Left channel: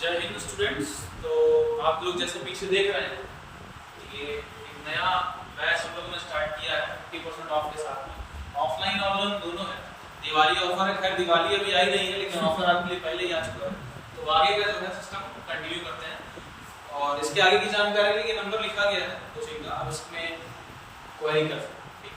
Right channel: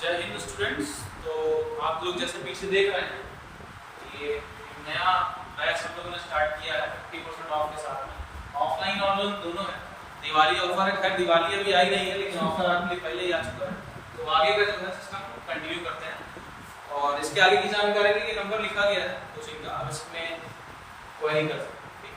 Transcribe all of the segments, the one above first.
जय हिंद स्टूडेंट्स। तो आप लोग जैसे पीछे देख रहे हैं, ये एक नया बैच हम लोगों ने स्टार्ट किया है 50% ऑफ के साथ में। ऑफलाइन ऑनलाइन दोनों है। दिवाली ऑफर है, खैर दिवाली अभी आई नहीं है, लेकिन ऑफर आपके लिए पहले ही आ चुका है। तो आगे का जो है सिस्टम कंटिन्यू करते हैं और इसके आगे की जानकारी के लिए नंबर लिखा गया है, तो आप इसमें क्वेरी कर सकते हैं।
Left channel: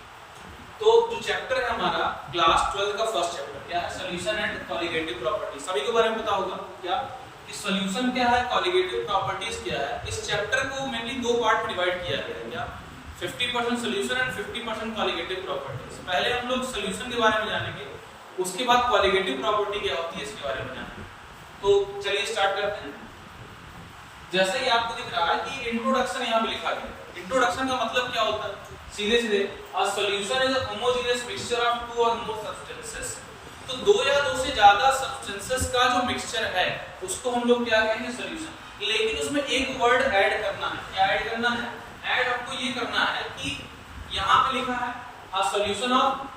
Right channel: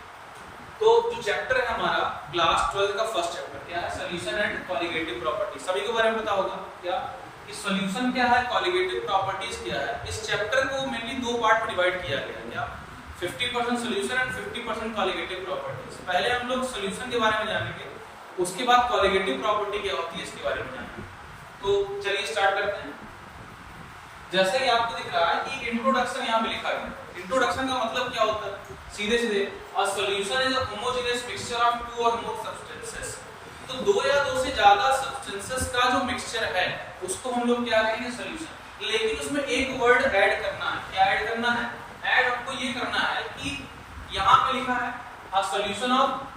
तो जो चैप्टर है हमारा क्लास 12 का फर्स्ट चैप्टर क्या है, सॉल्यूशन एंड कॉलिगेटिव प्रॉपर्टी। सभी को बारे में पता होगा क्या कि सॉल्यूशन क्या है, कॉलिगेटिव प्रॉपर्टीज क्या है। इस चैप्टर को मेनली दो पार्ट में डिवाइड किया गया है, क्या 50% सॉल्यूशन एंड 50% कॉलिगेटिव प्रॉपर्टीज। पहले हम लोग सॉल्यूशन के बारे में जानेंगे, उसके बाद कॉलिगेटिव प्रॉपर्टी क्या होती है इसके बारे में जानेंगे। तो चलिए स्टार्ट करते हैं। जैसे कि आपको दिख रहा है कि इंट्रोडक्शन यहाँ पे लिखा गया है। इंट्रोडक्शन का मतलब क्या होता है, सीधे सीधे a solution is a homogeneous mixture of two or more substances. तो दो या दो से ज्यादा सब्सटेंसेस का जो मिक्सचर है उसको हम लोग क्या कहेंगे, सॉल्यूशन। लेकिन उसमें एक वर्ड ऐड करना है। क्या ऐड करना है? ऐड हमको ये करना है कि यहाँ पे लिखा है a solution of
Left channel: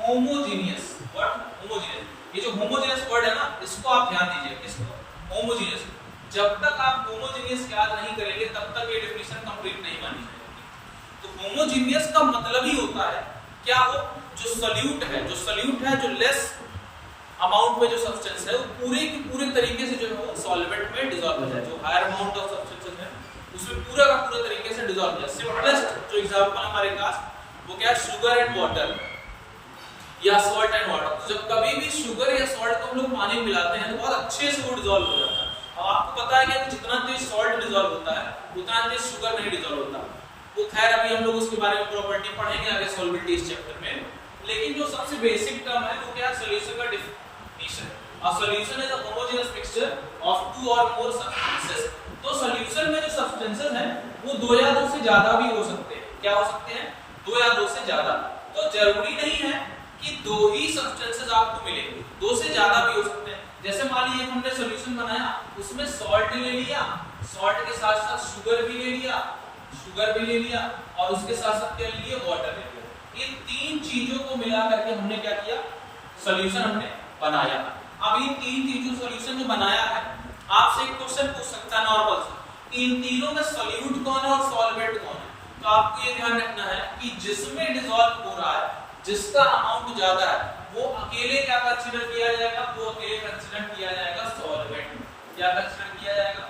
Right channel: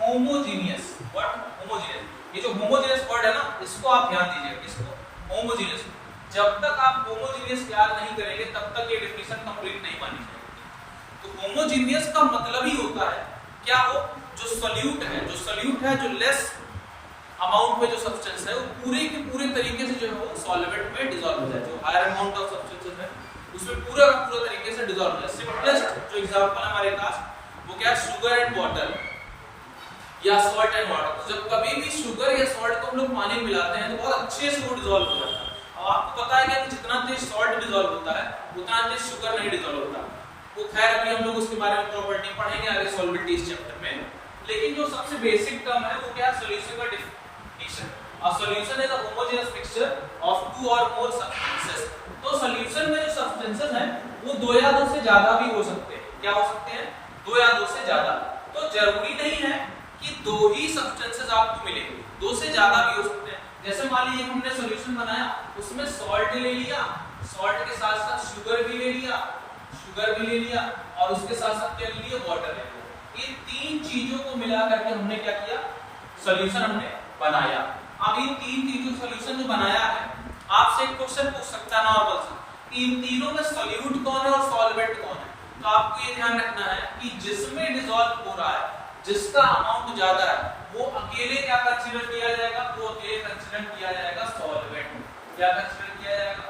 homogeneous. What? Homogeneous. ये जो होमोजेनियस वर्ड है ना, इसको आप ध्यान दीजिए। किसको? होमोजेनियस। जब तक आप होमोजेनियस याद नहीं करेंगे तब तक ये डेफिनेशन कंप्लीट नहीं बनी जाएगी। तो होमोजेनियस का मतलब ही होता है क्या, हो जो सॉल्यूट है, जो लेस अमाउंट में जो सब्सटेंस है वो पूरे के पूरे तरीके से जो है वो सॉल्वेंट में डिसॉल्व हो जाए। जो हायर अमाउंट ऑफ सब्सटेंसेस है उसमें पूरा का पूरा तरीके से डिसॉल्व हो जाए। सिंपलेस्ट जो एग्जांपल हमारे पास वो क्या है, शुगर एंड वाटर या सॉल्ट एंड वाटर। तो जब कभी भी शुगर या सॉल्ट को हम लोग पानी में मिलाते हैं तो बहुत अच्छे से वो डिसॉल्व हो जाता है। अब आपको पता है क्या कि जितना तेज सॉल्ट डिसॉल्व होता है उतना तेज शुगर नहीं डिसॉल्व होता। वो खैर अभी हम लोग उसके बारे में प्रॉपर्टी पढ़ेंगे आगे सॉल्वेबिलिटी इस चैप्टर में। लेकिन जो सबसे बेसिक टर्म है वो क्या है, सॉल्यूशन का definition. A solution is a homogeneous mixture of two or more substances. तो सॉल्यूशन में जो सब्सटेंसेस हैं वो दो या दो से ज्यादा भी हो सकते हैं। क्या हो सकते हैं? दो या दो से ज्यादा। तो जरूरी नहीं है कि दो ही सब्सटेंसेस आपको मिलेंगे, दो से ज्यादा भी हो सकते हैं। जैसे मान लीजिए हमने सॉल्यूशन बनाया, उसमें सॉल्ट ले लिया, सॉल्ट के साथ साथ शुगर भी ले लिया और उसके साथ साथ क्या ले लिया, वाटर ले लिया। इन तीन चीजों को मिला करके हमने क्या किया, सॉल्यूशन हमने बनाया। अब इन तीन चीजों सॉल्यूशन जो बनाया है, आपसे एक क्वेश्चन पूछ सकता है नॉर्मल सा कि इन तीनों में सॉल्यूट कौन है और सॉल्वेंट कौन है। तो आपको ये ध्यान रखना है कि जिसमें डिसॉल्व हो रहा है, जिसका अमाउंट ज्यादा है, वो अकेले क्या कंसीडर किया जाएगा, वो अकेले कंसीडर किया जाएगा सॉल्वेंट। क्या कंसीडर किया जाएगा?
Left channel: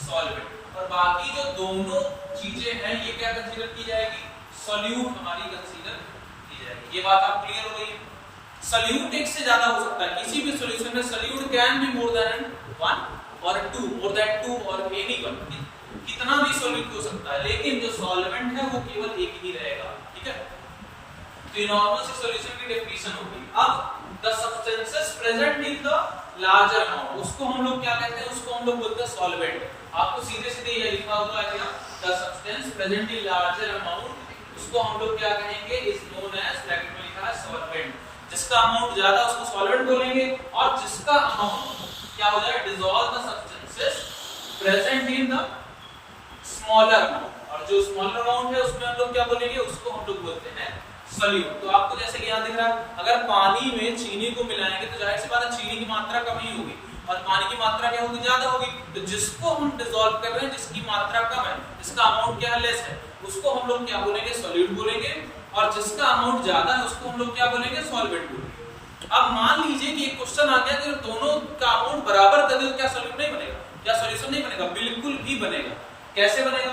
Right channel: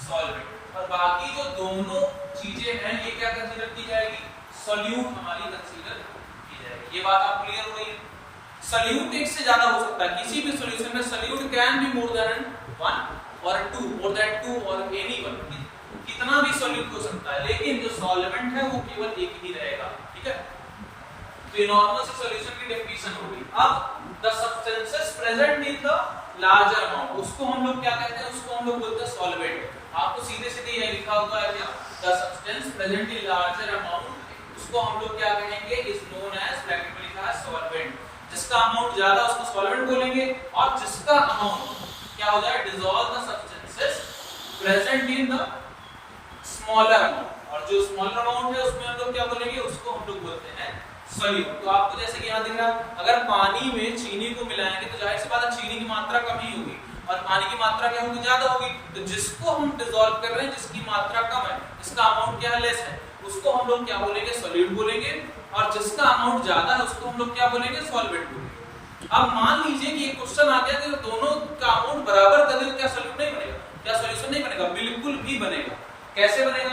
सॉल्वेंट। और बाकी जो दोनों चीजें हैं ये क्या कंसीडर की जाएगी, सॉल्यूट हमारी कंसीडर की जाएगी। ये बात आप क्लियर हो गई? सॉल्यूट एक से ज्यादा हो सकता है किसी भी सॉल्यूशन में। Solute can be more than one और टू, मोर देन टू और एनी वन। कितना भी सॉल्यूट हो सकता है, लेकिन जो सॉल्वेंट है वो केवल एक ही रहेगा। ठीक है, तो ये नॉर्मल से सॉल्यूशन की डेफिनेशन हो गई। अब the substances present in the larger amount, उसको हम लोग क्या कहते हैं, उसको हम लोग बोलते हैं सॉल्वेंट। आपको सीधे सीधे ये लिखा हुआ है क्या, the substance present in larger amount, उसको हम लोग क्या कहेंगे, इज नोन एज, ब्रैकेट में लिखा है सॉल्वेंट। जिसका अमाउंट ज्यादा उसको सॉल्वेंट बोलेंगे, और जिसका अमाउंट क्या हो जाए, dissolve the substances present in the smaller amount. और जो स्मॉलर अमाउंट है उसमें हम लोग क्या बोलेंगे, उसको हम लोग बोलते हैं सॉल्यूट। तो आपको जैसे कि यहाँ दिख रहा है, अगर पानी में चीनी को मिलाएंगे तो जाहिर सी बात है चीनी की मात्रा कम ही होगी और पानी की मात्रा क्या होगी, ज्यादा होगी। तो जिसको हम डिसॉल्व कर रहे हैं, जिसकी मात्रा कम है, जिसका अमाउंट क्या है, लेस है, उसको हम लोग क्या बोलेंगे, सॉल्यूट बोलेंगे। और जिसका अमाउंट ज्यादा है उसको हम लोग क्या बोलेंगे, सॉल्वेंट बोलेंगे। अब मान लीजिए कि एक क्वेश्चन आ गया कि दोनों का अमाउंट बराबर कर दे तो क्या सॉल्यूट नहीं बनेगा, क्या सॉल्यूशन नहीं बनेगा? बिल्कुल भी बनेगा। कैसे बनेगा?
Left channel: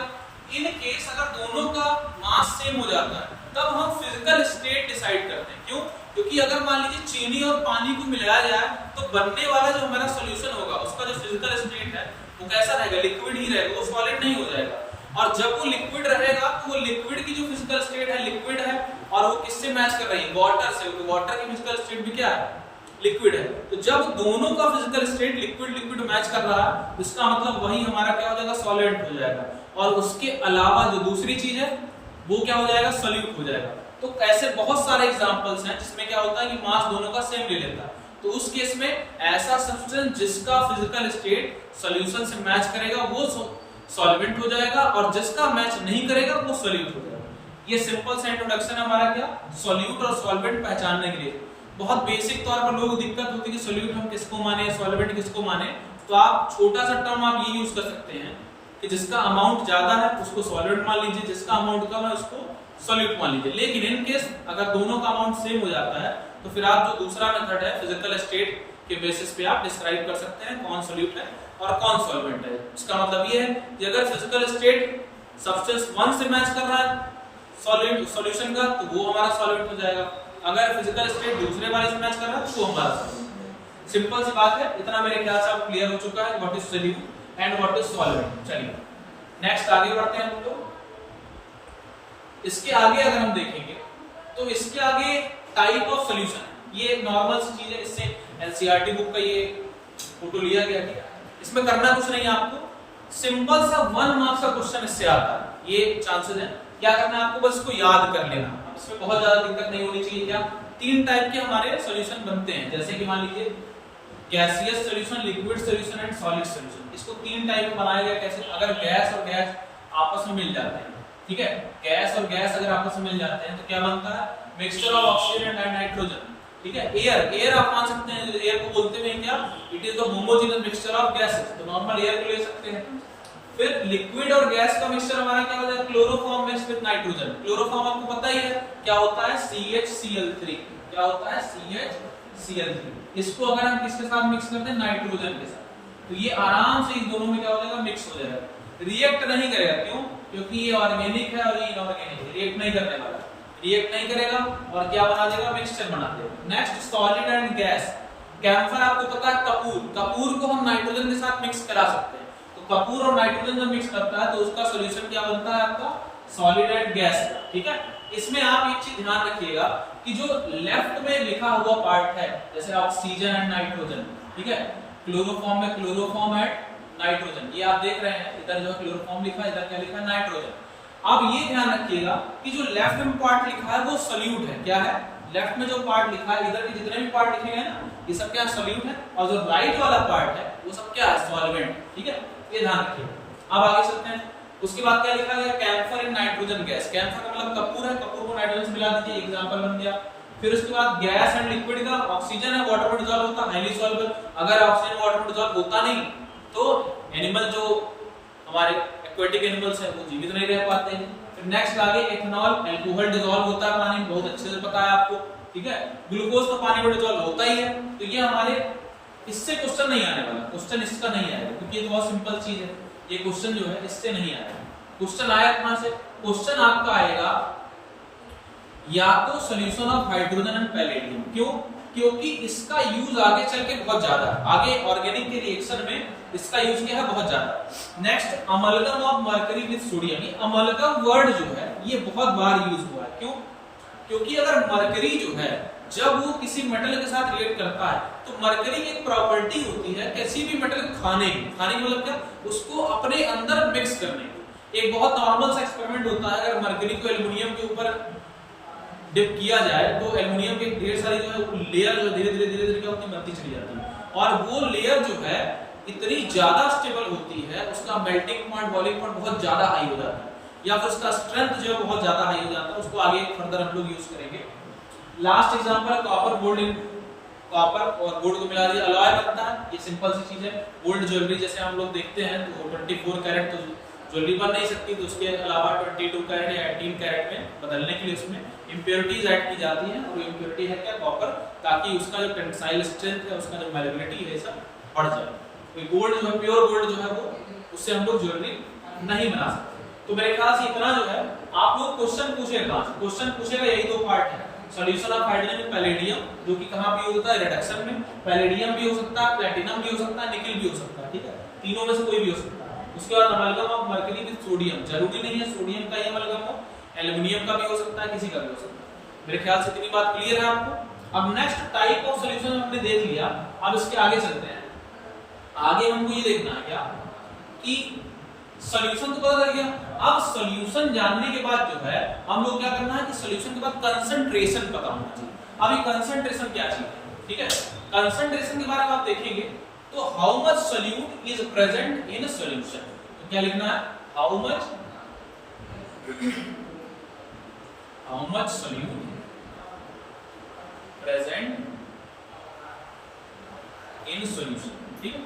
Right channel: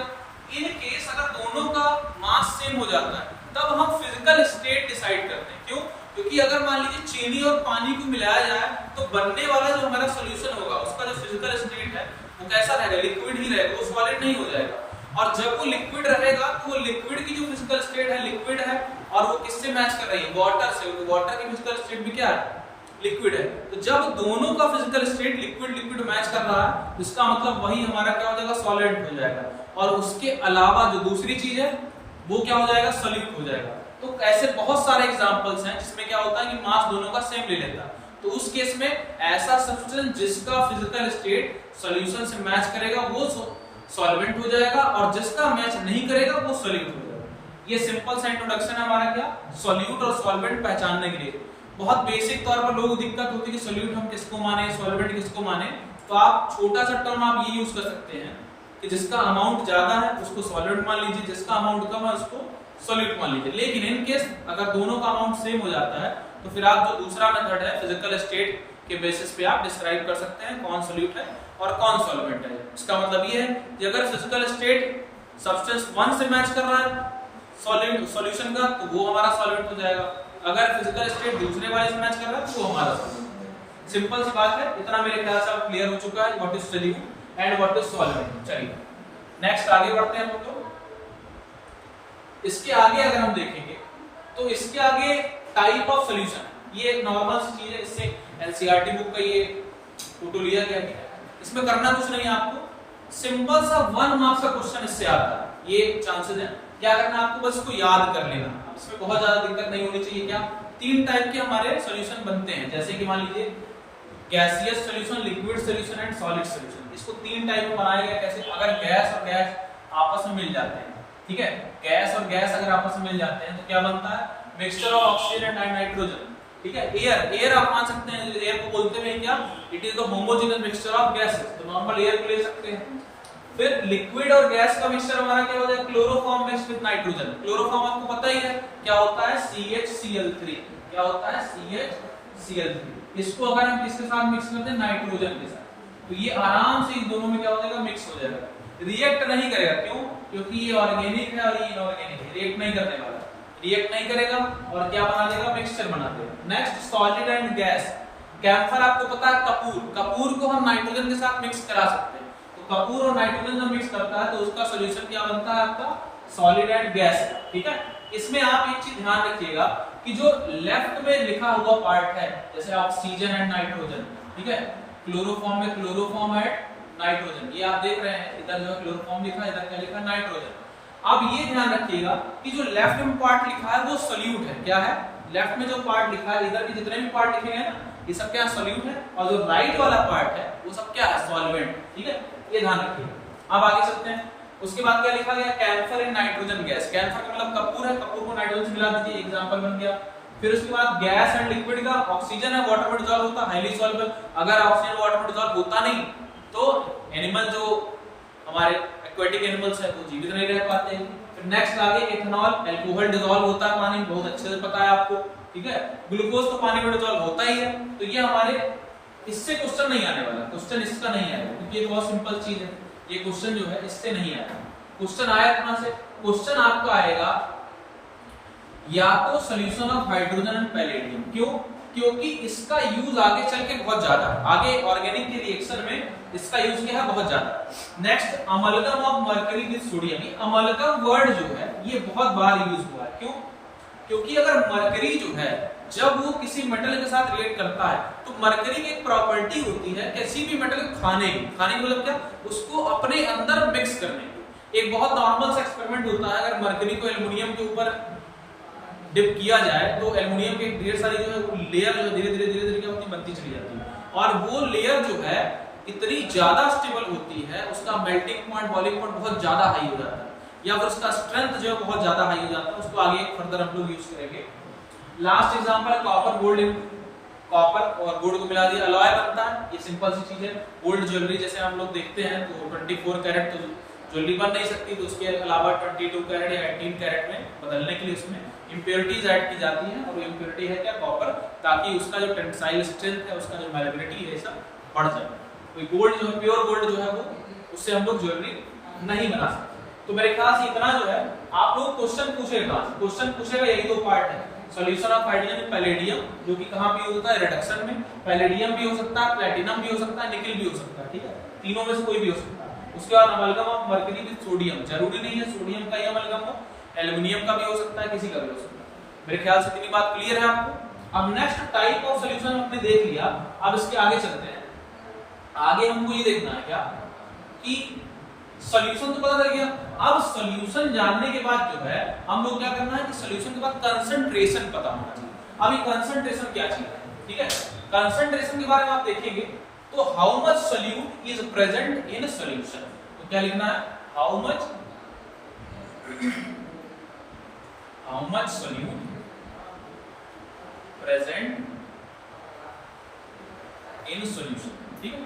इन केस अगर दोनों का मास सेम हो जाता है तब हम फिजिकल स्टेट डिसाइड करते हैं। क्यों? क्योंकि अगर मान लीजिए चीनी और पानी को मिलाया जाए तो बनने वाला जो हमारा सॉल्यूशन होगा उसका जो फिजिकल स्टेट है वो कैसा रहेगा, लिक्विड ही रहेगा, वो सॉलिड नहीं हो जाएगा। और जब वो लिक्विड रहेगा तो वो लिक्विड की जो फिजिकल स्टेट है लिक्विड है, और वो किससे मैच कर रही है, वाटर से। तो वाटर की फिजिकल स्टेट भी क्या है, लिक्विड है। तो जब दोनों का physical state liquid liquid match कर रहा है तो इसका मतलब वही हमारा क्या हो जाएगा, सॉलिड हो जाएगा। और उसके अलावा जो दूसरी चीज है वो क्या हो जाएगा, सॉल्यूट हो जाएगा। तो ऐसे बहुत सारे एग्जांपल्स हैं जिसमें क्या होता है कि मास दोनों का सेम ले लेता है। तो उस केस में ऐसा सब्सटेंस जिसका फिजिकल स्टेट सॉल्यूशन से मैच करेगा वो सॉल्वेंट हो जाएगा, और जिसका मैच नहीं करेगा वो सॉल्यूट हो जाएगा। ये सिंपल सा इंट्रोडक्शन है हमारा क्या, सॉल्यूट और सॉल्वेंट पहचानने के लिए। बहुत बेसिक तौर पर लोगों को दिक्कत होती है कि सॉल्यूट हम किसको माने, सॉल्वेंट किसको माने। तो आप छोटा सा टर्म आप ये यूज कर सकते हैं कि जिसका अमाउंट ज्यादा है उसको सॉलिड मान लीजिए, जिसका अमाउंट कम है उसको सॉल्यूट मान लीजिए। लेकिन इन केस अगर दोनों का अमाउंट सेम हो जाता है तो फिर आप जो दूसरा मेथड है फिजिकल स्टेट के बेसिस पे आप डिस्क्राइब कर सकते हैं कौन सॉल्यूट है और कौन सॉल्वेंट है। इसका मतलब ये है कि अगर फिजिकल स्टेट सब्सटेंस 1 से मैच कर रहा है सॉल्यूशन का तो वो हमारा सॉल्वेंट हो जाएगा, अगर फिजिकल स्टेट दूसरे वाले से मैच कर रहा है तो वो हमारा सॉल्वेंट है। सिंपल सी बात है, इतना मेरे ख्याल से अब क्लियर हो चुका है what is solute and what is solvent. चलिए नेक्स्ट आगे बढ़ते हैं हम लोग। इसके आगे अगर हम देखेंगे तो इसके आगे टाइप ऑफ सॉल्यूशन, ये एक नॉर्मल सी चीज है, इससे एनसीईआरटी बुक का ये फोटो लिया गया है। इसमें करना कुछ नहीं है आपको, सिंपल सा 1 मार्क्स का क्वेश्चन इससे आता है, ये चांसेस है। क्या करना है आपको, बस इसको याद कर लेना, अब इसमें बहुत ज्यादा दिक्कत नहीं होनी चाहिए। क्या 3 टाइप के हमारे सॉल्यूशन बनते हैं, जैसे कि मान लीजिए gaseous solution, liquid solution and solid solution. इसको 3 टाइप में बनाया गया। कैसे, अगर गैस और गैस आपस में मिल जाते हैं, ठीक है, गैस और गैस अगर आपस में मिल जाते हैं तो क्या बनता है, mixture of oxygen and nitrogen, ठीक है। एयर आप मान सकते हैं, एयर को बोलते हैं क्या, it is the homogeneous mixture of gases, तो नॉर्मल एयर को ले सकते हैं। फिर लिक्विड और गैस का मिक्सचर हमारा क्या होता है, chloroform mixed with nitrogen. Chloroform आपको पता ही है क्या होता है, CHCl3, क्या होता है, CHCl3। इसको अगर हम किसके साथ मिक्स करते हैं, नाइट्रोजन के साथ, तो ये आराम से इन दोनों में क्या हो जाएगा, मिक्स हो जाएगा। रिएक्ट नहीं करेगा, क्यों, क्योंकि ये ऑर्गेनिक है और ये इनऑर्गेनिक है, रिएक्ट नहीं करने वाला, रिएक्ट नहीं करेगा और क्या बना देगा, मिक्सचर बना देगा। Next solid and gas. Camphor आपको पता है, कपूर को हम नाइट्रोजन के साथ मिक्स करा सकते हैं, तो कपूर और नाइट्रोजन जब मिक्स करता है तो उसका सॉल्यूशन क्या बनता है आपका, सॉलिड एंड गैस, ठीक है। इसमें आप एक चीज ध्यान रखिएगा कि जो लेफ्ट में लिखा हुआ पार्ट है, जैसे ऑक्सीजन एंड नाइट्रोजन, ठीक है, क्लोरोफॉर्म में क्लोरोफॉर्म एंड नाइट्रोजन, ये आप देख रहे हैं, इधर जो है क्लोरोफॉर्म लिखा है, इधर क्या लिखा है, नाइट्रोजन। अब ये ध्यान रखिएगा कि जो लेफ्ट में पार्ट लिखा है वो सॉल्यूट है, क्या है, लेफ्ट में जो पार्ट लिखा है, इधर के जितने भी पार्ट लिखे हैं ना, ये सब क्या सॉल्यूट है, और जो राइट वाला पार्ट है वो सब क्या है, सॉल्वेंट, ठीक है, ये ध्यान रखिएगा। अब आगे चलते हैं। उसके बाद क्या लिखा गया, camphor and nitrogen gas. Camphor मतलब कपूर है, कपूर को नाइट्रोजन से मिला दीजिए, एग्जांपल बन गया। फिर उसके बाद गैस एंड लिक्विड का, ऑक्सीजन है वाटर में डिसॉल्व होता है, हाईली सॉल्युबल। अगर ऑक्सीजन वाटर में डिसॉल्व होता नहीं तो एनिमल जो हमारे एक्वेटिक एनिमल्स है वो जीवित नहीं रह पाते हैं। फिर नेक्स्ट आगे एथेनॉल, अल्कोहल डिसॉल्व होता है पानी, बहुत अच्छे से पता है आपको, ठीक है। ग्लूकोज तो पानी में डिसॉल्व होता ही है, तो ये हमारे, इससे क्वेश्चन नहीं आने वाला, क्वेश्चन इसका नहीं आएगा क्योंकि ये बहुत सिंपल चीज है, ये क्वेश्चन जो है इससे नहीं आएगा। क्वेश्चन आया कहां से, क्वेश्चन आपका आएगा या तो solution of hydrogen and palladium. क्यों, क्योंकि इसका यूज आगे चल के बहुत ज्यादा, आगे ऑर्गेनिक के रिएक्शन में इसका यूज क्या है, बहुत ज्यादा। Next amalgam of mercury with sodium. ये अमलगम वर्ड जो है ये बहुत बार यूज हुआ है, क्यों, क्योंकि अगर मरकरी जो है जब वो किसी मेटल के साथ रिएक्ट करता है तो मरकरी की एक प्रॉपर्टी होती है किसी भी मेटल खाने की मतलब क्या, उसको अपने अंदर मिक्स करने की। एक बहुत नॉर्मल सा एक्सपेरिमेंट होता है, अगर मरकरी को एल्युमिनियम के ऊपर डिप किया जाए तो एल्युमिनियम के ढेर सारी जो है लेयर जो धीरे धीरे क्या होती बनती चली जाती है, और वो लेयर जो है इतनी ज्यादा स्टेबल होती है, उसका मेल्टिंग पॉइंट, बॉइलिंग पॉइंट बहुत ज्यादा हाई हो जाता है, या फिर उसका स्ट्रेंथ जो है बहुत ज्यादा हाई हो जाता है। उसको आगे फर्दर हम लोग यूज करेंगे। लास्ट एग्जांपल है कॉपर गोल्ड। कॉपर और गोल्ड को मिला दिया अलॉय बनता है, ये सिंपल सी चीज है। गोल्ड ज्वेलरी जैसे हम लोग देखते हैं तो 24 कैरेट तो ज्वेलरी बन नहीं सकती, तो उसके अलावा 22 कैरेट या 18 कैरेट में बदलने के लिए उसमें इंप्योरिटीज ऐड की जाती है, और वो इंप्योरिटी है क्या, कॉपर, ताकि उसका जो टेंसाइल स्ट्रेंथ है, उसका जो मैलेबिलिटी है, सब बढ़ जाए। कोई गोल्ड जो है, प्योर गोल्ड जो है वो, उससे हम लोग ज्वेलरी नहीं बना सकते। तो मेरे ख्याल से इतना जो है आप लोग क्वेश्चन पूछेगा कहां से, क्वेश्चन पूछेगा यही 2 पार्ट है, सॉल्यूशन ऑफ हाइड्रोजन पैलेडियम, जो कि कहां पे होता है, रिडक्शन में। पैलेडियम भी हो सकता है, प्लैटिनम भी हो सकता है, निकल भी हो सकता है, ठीक है, तीनों में से कोई भी हो सकता है। उसके बाद amalgam of mercury with sodium, जरूरी नहीं है सोडियम का ही अमलगम हो, एल्युमिनियम का भी हो सकता है, किसी का भी हो सकता है। मेरे ख्याल से इतनी बात क्लियर है आपको। अब नेक्स्ट टाइप ऑफ सॉल्यूशन हमने देख लिया, अब इसके आगे चलते हैं। आगे हमको ये देखना है क्या कि सॉल्यूशन तो पता चल गया, अब सॉल्यूशन जानने के बाद जो है हम लोग क्या करना है कि सॉल्यूशन के बाद कंसंट्रेशन पता होना चाहिए। अभी कंसंट्रेशन क्या चीज है, ठीक है, कंसंट्रेशन के बारे में आप देखेंगे तो how much solute is present in solution, तो क्या लिखना है, how much solute present in solution, ठीक है।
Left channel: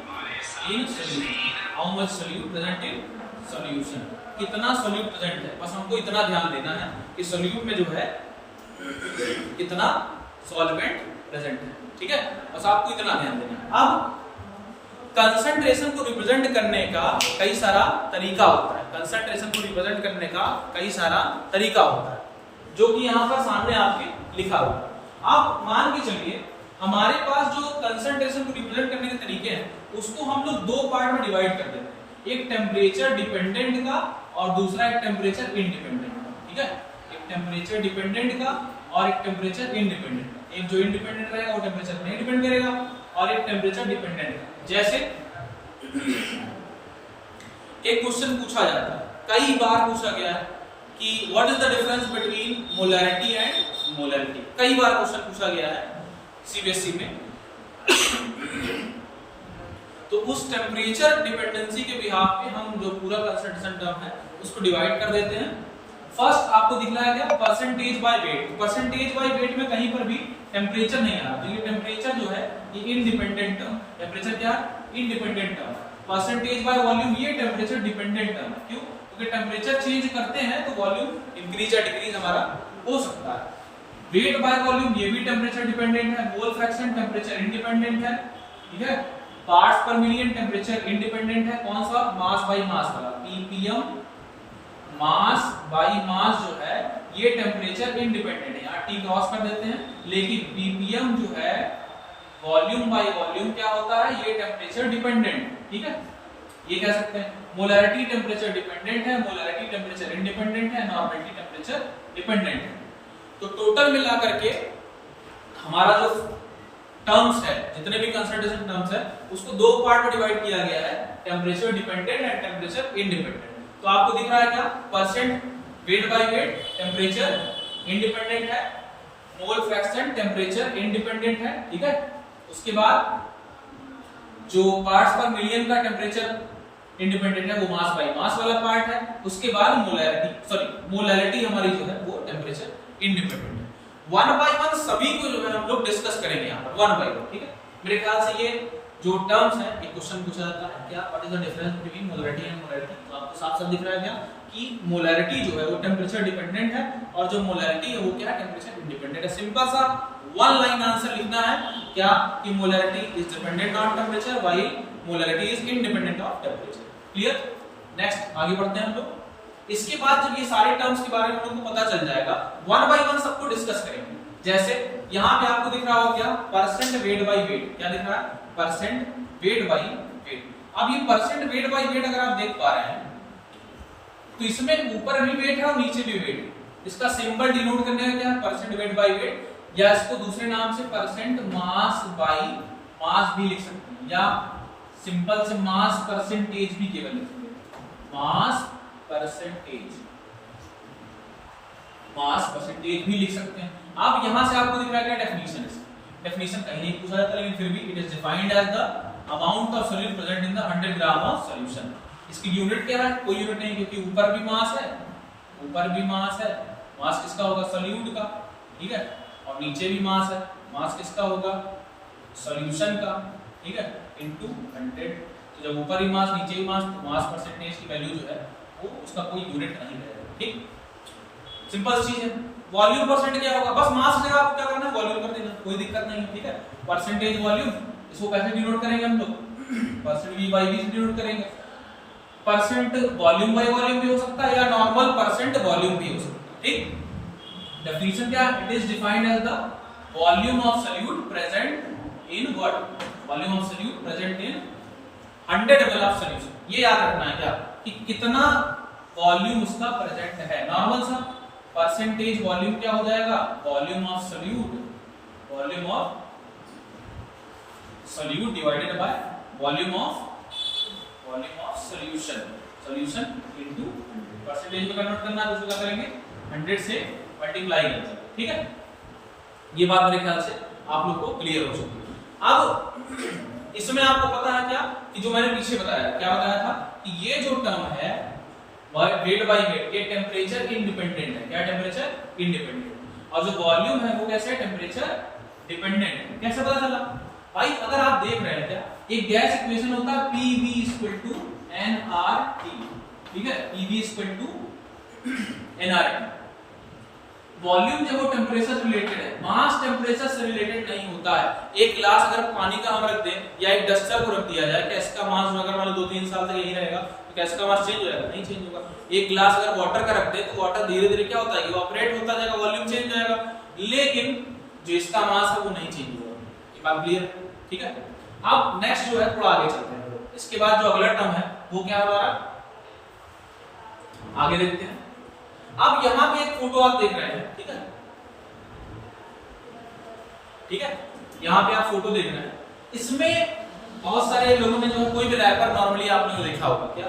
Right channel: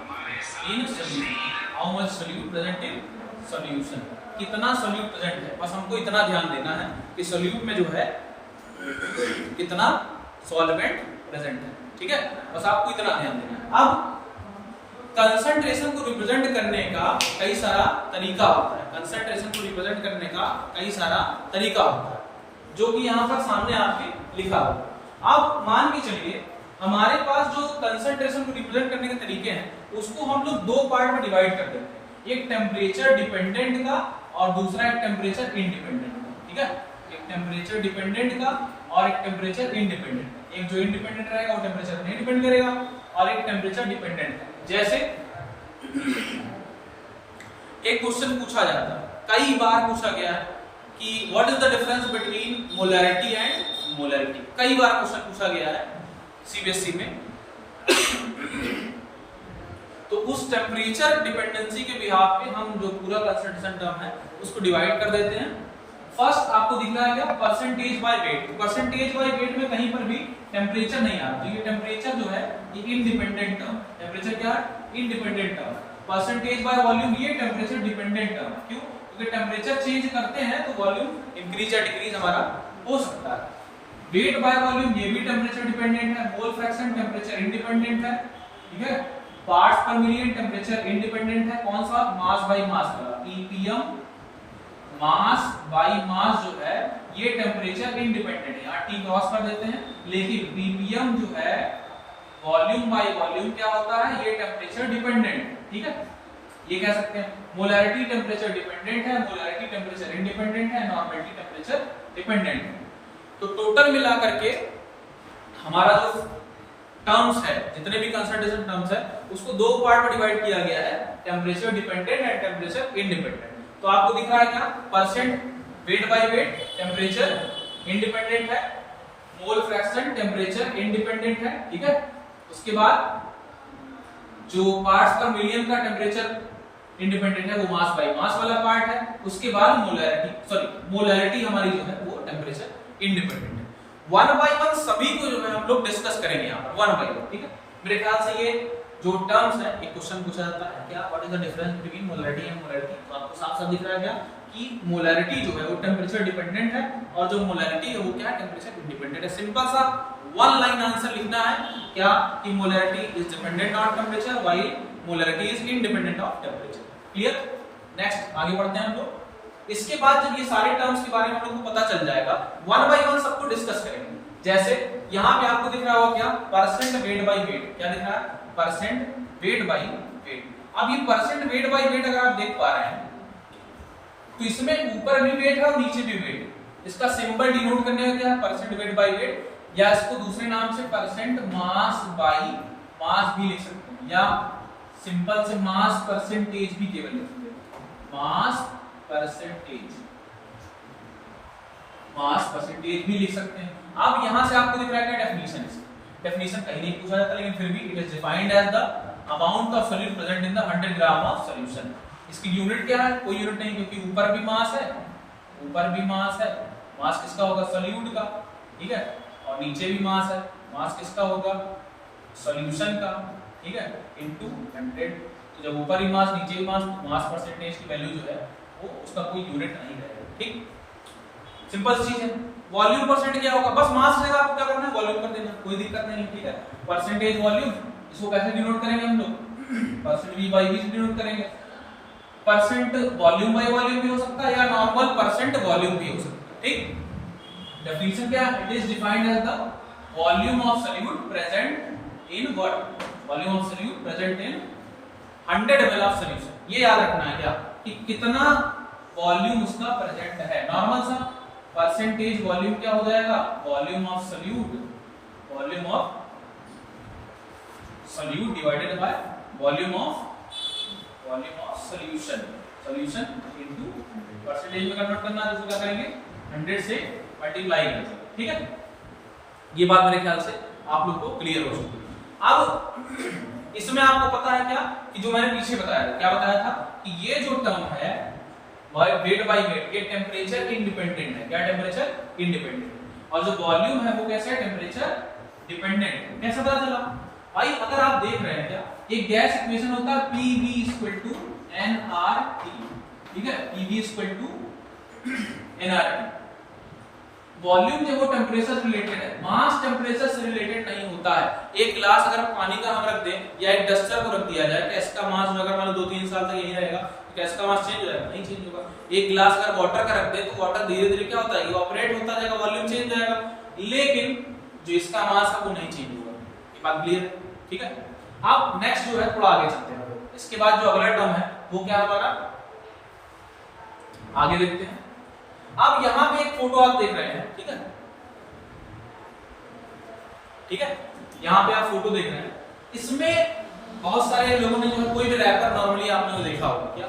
In solution, how much solute present in solution, कितना सोल्यूट प्रेजेंट है। बस हमको इतना ध्यान देना है कि सोल्यूट में जो है कितना सॉल्वेंट प्रेजेंट है, ठीक है, बस आपको इतना ध्यान देना है। अब कंसंट्रेशन को रिप्रेजेंट करने का कई सारा तरीका होता है, कंसंट्रेशन को रिप्रेजेंट करने का कई सारा तरीका होता है, जो कि यहाँ पर सामने आपके लिखा हुआ है। आप मान के चलिए हमारे पास जो कंसंट्रेशन को रिप्रेजेंट करने के तरीके हैं उसको हम लोग दो पार्ट में डिवाइड कर देते हैं, एक टेम्परेचर डिपेंडेंट का और दूसरा एक टेम्परेचर इंडिपेंडेंट का, ठीक है, एक टेम्परेचर डिपेंडेंट का और एक टेम्परेचर इंडिपेंडेंट का। एक जो इंडिपेंडेंट रहेगा वो टेम्परेचर नहीं डिपेंड करेगा और एक टेम्परेचर डिपेंडेंट है। जैसे एक क्वेश्चन पूछा जाता है, कई बार पूछा गया है कि what is the difference between molarity and molarity, कई बार क्वेश्चन पूछा गया है सीबीएसई में। तो उस टेम्परेचर डिपेंडेंसी के बिहाफ पे हम जो पूरा कंसंट्रेशन टर्म है उसको डिवाइड कर देते हैं। फर्स्ट आपको दिख रहा है क्या, percentage by weight, percentage by weight में कहीं पर भी टेम्परेचर नहीं आ रहा, तो ये टेम्परेचर जो है ये इंडिपेंडेंट टर्म, टेम्परेचर क्या है, independent term. Percentage by volume ये टेम्परेचर डिपेंडेंट टर्म, क्यों, क्योंकि टेम्परेचर चेंज करते हैं तो वॉल्यूम इंक्रीज या डिक्रीज हमारा हो सकता है। वेट बाय वॉल्यूम ये भी टेम्परेचर डिपेंडेंट है। मोल फ्रैक्शन टेम्परेचर इंडिपेंडेंट है, ठीक है। पार्ट्स पर मिलियन टेम्परेचर इंडिपेंडेंट है, कौन सा, मास बाय मास वाला, पीपीएम मास बाय मास जो है ये टेम्परेचर इंडिपेंडेंट है, यहाँ टी क्रॉस कर देते हैं। लेकिन पीपीएम जो है वॉल्यूम बाय वॉल्यूम क्या होता है, ये टेम्परेचर डिपेंडेंट, ठीक है, ये कह सकते हैं। मोलैरिटी टेम्परेचर डिपेंडेंट है, मोलैरिटी टेम्परेचर इंडिपेंडेंट है, नॉर्मलिटी टेम्परेचर डिपेंडेंट है। तो टोटल मिला करके हमारा जो टर्म्स है, जितने भी कंसंट्रेशन टर्म्स है उसको दो पार्ट में डिवाइड किया गया है, temperature dependent and temperature independent. तो आपको दिख रहा है क्या, percent weight by weight temperature independent है, मोल फ्रैक्शन टेम्परेचर इंडिपेंडेंट है, ठीक है। उसके बाद जो पार्ट्स पर मिलियन का टेम्परेचर इंडिपेंडेंट है वो मास बाय मास वाला पार्ट है। उसके बाद मोलैरिटी हमारी जो है वो टेम्परेचर इंडिपेंडेंट है। वन बाय वन सभी को जो है हम लोग डिस्कस करेंगे यहाँ पर वन बाय वन, ठीक है। मेरे ख्याल से ये जो टर्म्स है एक क्वेश्चन पूछा जाता है क्या, what is the difference between molarity and molarity, तो आपको साफ साफ दिख रहा है क्या कि मोलैरिटी जो है वो टेम्परेचर डिपेंडेंट है और जो मोलैरिटी है वो क्या है, टेम्परेचर इंडिपेंडेंट है। सिंपल सा वन लाइन आंसर लिखना है क्या कि molarity is dependent on temperature while molarity is independent of temperature. Clear, next आगे बढ़ते हैं हम लोग। इसके बाद जब ये सारे टर्म्स के बारे में हम लोग को पता चल जाएगा, वन बाय वन सबको डिस्कस करेंगे। जैसे यहाँ पे आपको दिख रहा होगा क्या, परसेंट वेट बाय वेट, क्या दिख रहा है, परसेंट वेट बाय वेट। अब ये परसेंट वेट बाय वेट अगर आप देख पा रहे हैं तो इसमें ऊपर भी वेट है और नीचे भी वेट। इसका सिंबल डिनोट करने का क्या, परसेंट वेट बाय वेट, या इसको दूसरे नाम से परसेंट मास बाय मास भी लिख सकते हैं, या सिंपल से मास परसेंटेज भी केवल लिख सकते हैं, मास परसेंटेज भी लिख सकते हैं। अब यहां से आपको दिख रहा है क्या, डेफिनेशन कहीं नहीं पूछा जाता लेकिन फिर भी it is defined as the amount of solute present in the 100 gram of solution. इसकी यूनिट क्या है, कोई यूनिट नहीं, क्योंकि ऊपर भी मास है, मास किसका होगा, सॉल्यूट का, ठीक है, और नीचे भी मास है, मास किसका होगा, सॉल्यूशन का, ठीक है, इनटू 100। तो जब ऊपर भी मास नीचे भी मास, तो मास परसेंटेज की वैल्यू जो है वो उसका कोई यूनिट नहीं रहेगा, ठीक, सिंपल चीज है। वॉल्यूम परसेंट क्या होगा, बस मास जगह आपको क्या करना है, वॉल्यूम कर देना, कोई दिक्कत नहीं है, ठीक है। परसेंटेज वॉल्यूम, इसको कैसे डिनोट करेंगे हम लोग, परसेंट वी बाय वी से डिनोट करेंगे। परसेंट वॉल्यूम बाय वॉल्यूम भी हो सकता है या नॉर्मल परसेंट वॉल्यूम भी हो सकता है, ठीक। डेफिनेशन क्या है, it is defined as the volume of solute present in what, volume of solute present in 100 ml of solution. ये याद रखना है क्या कि कितना वॉल्यूम उसका प्रेजेंट है। नॉर्मल सा परसेंटेज वॉल्यूम क्या हो जाएगा, volume of solute divided by volume of solution into 100। Percentage में कन्वर्ट करना है तो क्या करेंगे, 100 से मल्टीप्लाई करेंगे, ठीक है। ये बात मेरे ख्याल से आप लोग को क्लियर हो चुकी है। अब इसमें आपको पता है क्या कि जो मैंने पीछे बताया, क्या बताया था कि ये जो टर्म है वेट बाय वेट, ये टेम्परेचर इंडिपेंडेंट है, क्या टेम्परेचर इंडिपेंडेंट, और जो वॉल्यूम है वो कैसे है, टेम्परेचर डिपेंडेंट। कैसे पता चला भाई, अगर आप देख रहे हैं क्या एक गैस इक्वेशन होता है PV इक्वल टू nRT, ठीक है, PV equal to nRT। Volume जब वो टेम्परेचर से रिलेटेड है, मास टेम्परेचर से रिलेटेड नहीं होता है। एक ग्लास अगर पानी का हम रख दें या एक डस्टर को रख दिया जाए, क्या इसका मास अगर मान लो 2-3 साल तक यही रहेगा तो क्या इसका मास चेंज हो जाएगा? नहीं चेंज होगा। एक ग्लास अगर वाटर का रख दे तो वाटर धीरे धीरे क्या होता है, इवापोरेट होता जाएगा, वॉल्यूम चेंज हो जाएगा, लेकिन जो इसका मास है वो नहीं चेंज होगा। ये बात क्लियर है? ठीक है। अब नेक्स्ट जो है थोड़ा आगे चलते हैं, इसके बाद जो अगला टर्म है वो क्या है हमारा, आगे देखते हैं। अब यहां पे एक फोटो आप देख रहे हैं, ठीक है, ठीक है, यहां पे आप फोटो देख रहे हैं। इसमें बहुत सारे लोगों ने जो है कोई भी रैपर नॉर्मली आपने देखा होगा, क्या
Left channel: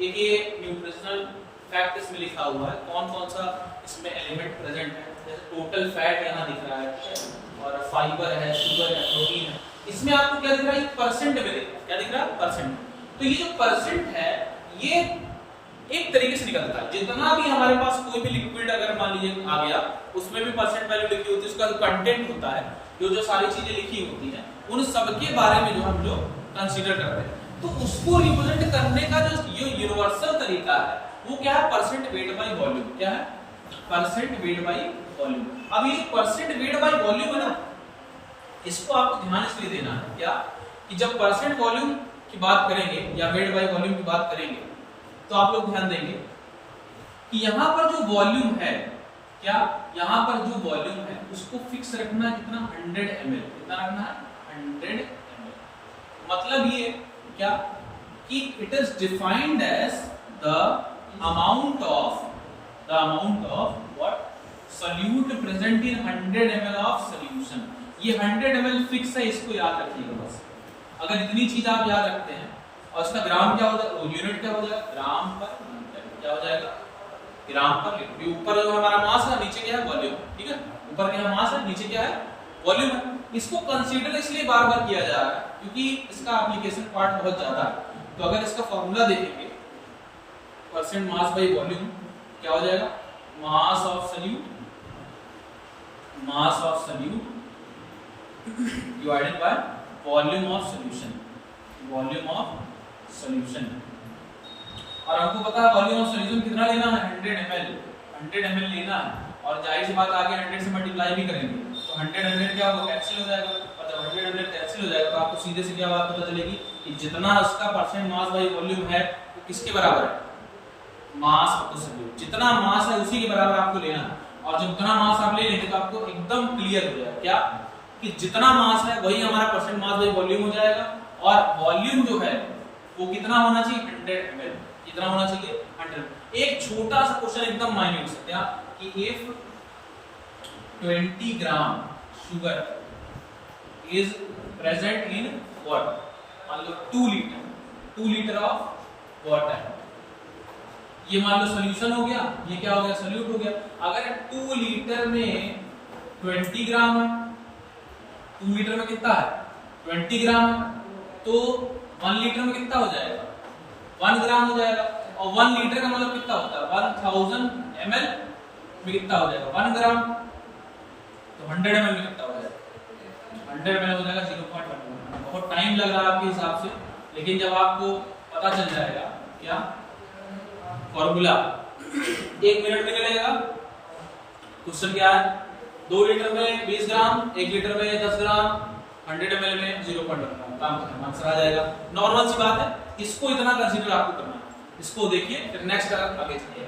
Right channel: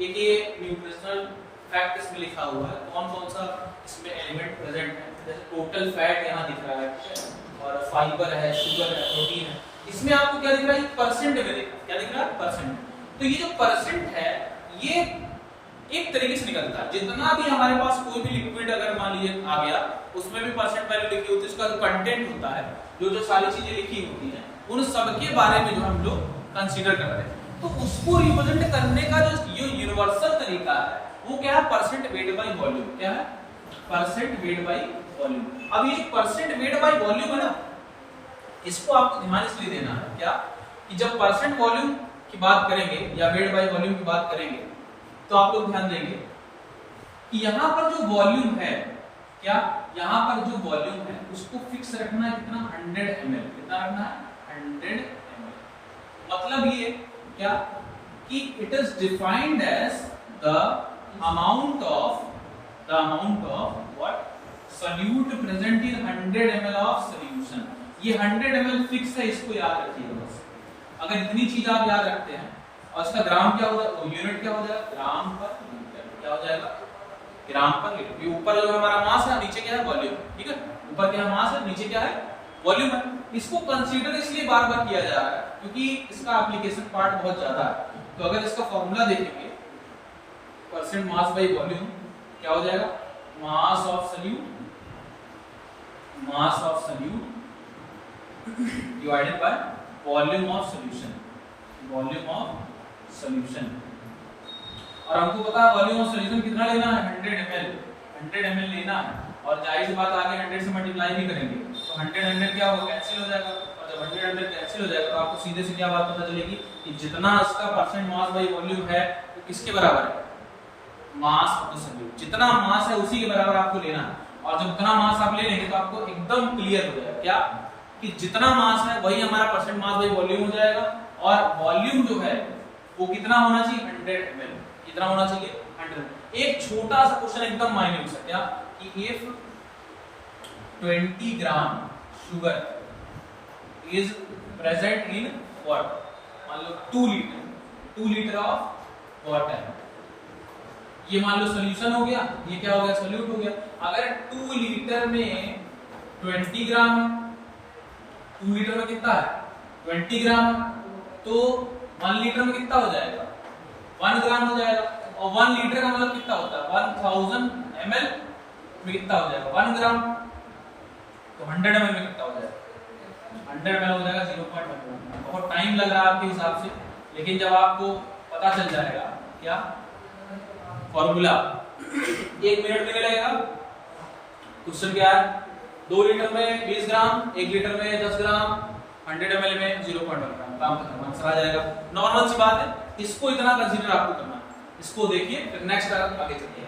एक ये न्यूट्रिशनल फैक्ट इसमें लिखा हुआ है, कौन कौन सा इसमें एलिमेंट प्रेजेंट है, जैसे टोटल फैट यहां दिख रहा है, ठीक है, और फाइबर है, शुगर है, प्रोटीन है। इसमें आपको क्या दिख रहा है, परसेंट में दिख रहा है, क्या दिख रहा है, परसेंट। तो ये जो परसेंट है ये एक तरीके से निकलता है, जितना भी हमारे पास कोई भी लिक्विड अगर मान लीजिए आ गया, उसमें भी परसेंट वैल्यू लिखी होती है, उसका जो कंटेंट होता है, जो जो सारी चीजें लिखी होती हैं, उन सब के बारे में जो हम लोग कंसीडर करते हैं। तो उसको रिप्रेजेंट करने का जो यूनिवर्सल तरीका है वो क्या है, परसेंट वेट बाय वॉल्यूम। क्या है, परसेंट वेट बाय वॉल्यूम। अब ये जो परसेंट वेट बाय वॉल्यूम है ना, इसको आपको ध्यान इसलिए देना है क्या, कि जब परसेंट वॉल्यूम की बात करेंगे या वेट बाय वॉल्यूम की बात करेंगे तो आप लोग ध्यान देंगे कि यहां पर जो वॉल्यूम है, क्या यहां पर जो वॉल्यूम है उसको फिक्स रखना कितना, 100 ml। कितना रखना है, 100 ml। मतलब ये क्या कि it is defined as the amount of what, solute present in 100 ml of solution. ये 100 ml फिक्स है, इसको याद रखिए बस। अगर इतनी चीज आप याद रखते हैं और इसका ग्राम क्या हो जाएगा, यूनिट क्या हो जाएगा, ग्राम पर लीटर। क्या हो जाएगा, ग्राम पर लीटर। ये ऊपर जो हमारा मास है, नीचे क्या है, वॉल्यूम। ठीक है, ऊपर क्या मास है, नीचे क्या है, वॉल्यूम है। इसको कंसीडर इसलिए बार बार किया जा रहा है क्योंकि इसका एप्लीकेशन पार्ट बहुत ज्यादा है। तो अगर इसका फॉर्मूला देखेंगे, परसेंट मास बाय वॉल्यूम क्या हो जाएगा, mass of solute divided by volume of solution. और हमको पता है वॉल्यूम ऑफ सॉल्यूशन कितना लेना है, 100 ml लेना है। और जाहिर सी बात आगे 100 से मल्टीप्लाई भी करेंगे तो 100 क्या होगा, कैंसिल हो जाएगा। और जब 100 कैंसिल हो जाएगा तो आपको सीधे से क्या बात पता चलेगी कि जितना इसका परसेंट मास बाय वॉल्यूम है वो किसके बराबर है, मास ऑफ द सॉल्यूट। जितना मास है उसी के बराबर आपको लेना है। और जब उतना मास आप ले लेंगे तो आपको एकदम क्लियर हो जाएगा क्या, कि जितना मास है वही हमारा परसेंट मास बाय वॉल्यूम हो जाएगा। और वॉल्यूम जो है वो कितना होना चाहिए, 100 ml। कितना होना चाहिए, 100। एक छोटा सा क्वेश्चन एकदम माइन्यूट सा, क्या कि if 20 gram sugar is present in water, मान लो 2 लीटर ऑफ वाटर, ये मान लो सॉल्यूशन हो गया, ये क्या हो गया, सॉल्यूट हो गया। अगर 2 लीटर में 20 ग्राम है, 2 लीटर में कितना है, 20 ग्राम है, तो 1 लीटर में कितना हो जाएगा, 1 ग्राम हो जाएगा। और 1 लीटर का मतलब कितना होता है, 1000 ml में कितना हो जाएगा, 1 ग्राम। तो 100 ml में कितना हो जाएगा, 100 ml हो जाएगा 0.1। बहुत टाइम लग रहा है आपके हिसाब से, लेकिन जब आपको पता चल जाएगा क्या फॉर्मूला, 1 मिनट में लगेगा। क्वेश्चन क्या है, 2 लीटर में 20 ग्राम, 1 लीटर में 10 ग्राम, 100 ml में 0.1 ग्राम, काम खत्म, आंसर आ जाएगा। नॉर्मल सी बात है, इसको इतना कंसीडर आपको करना है। इसको देखिए, फिर नेक्स्ट आगे चलते हैं।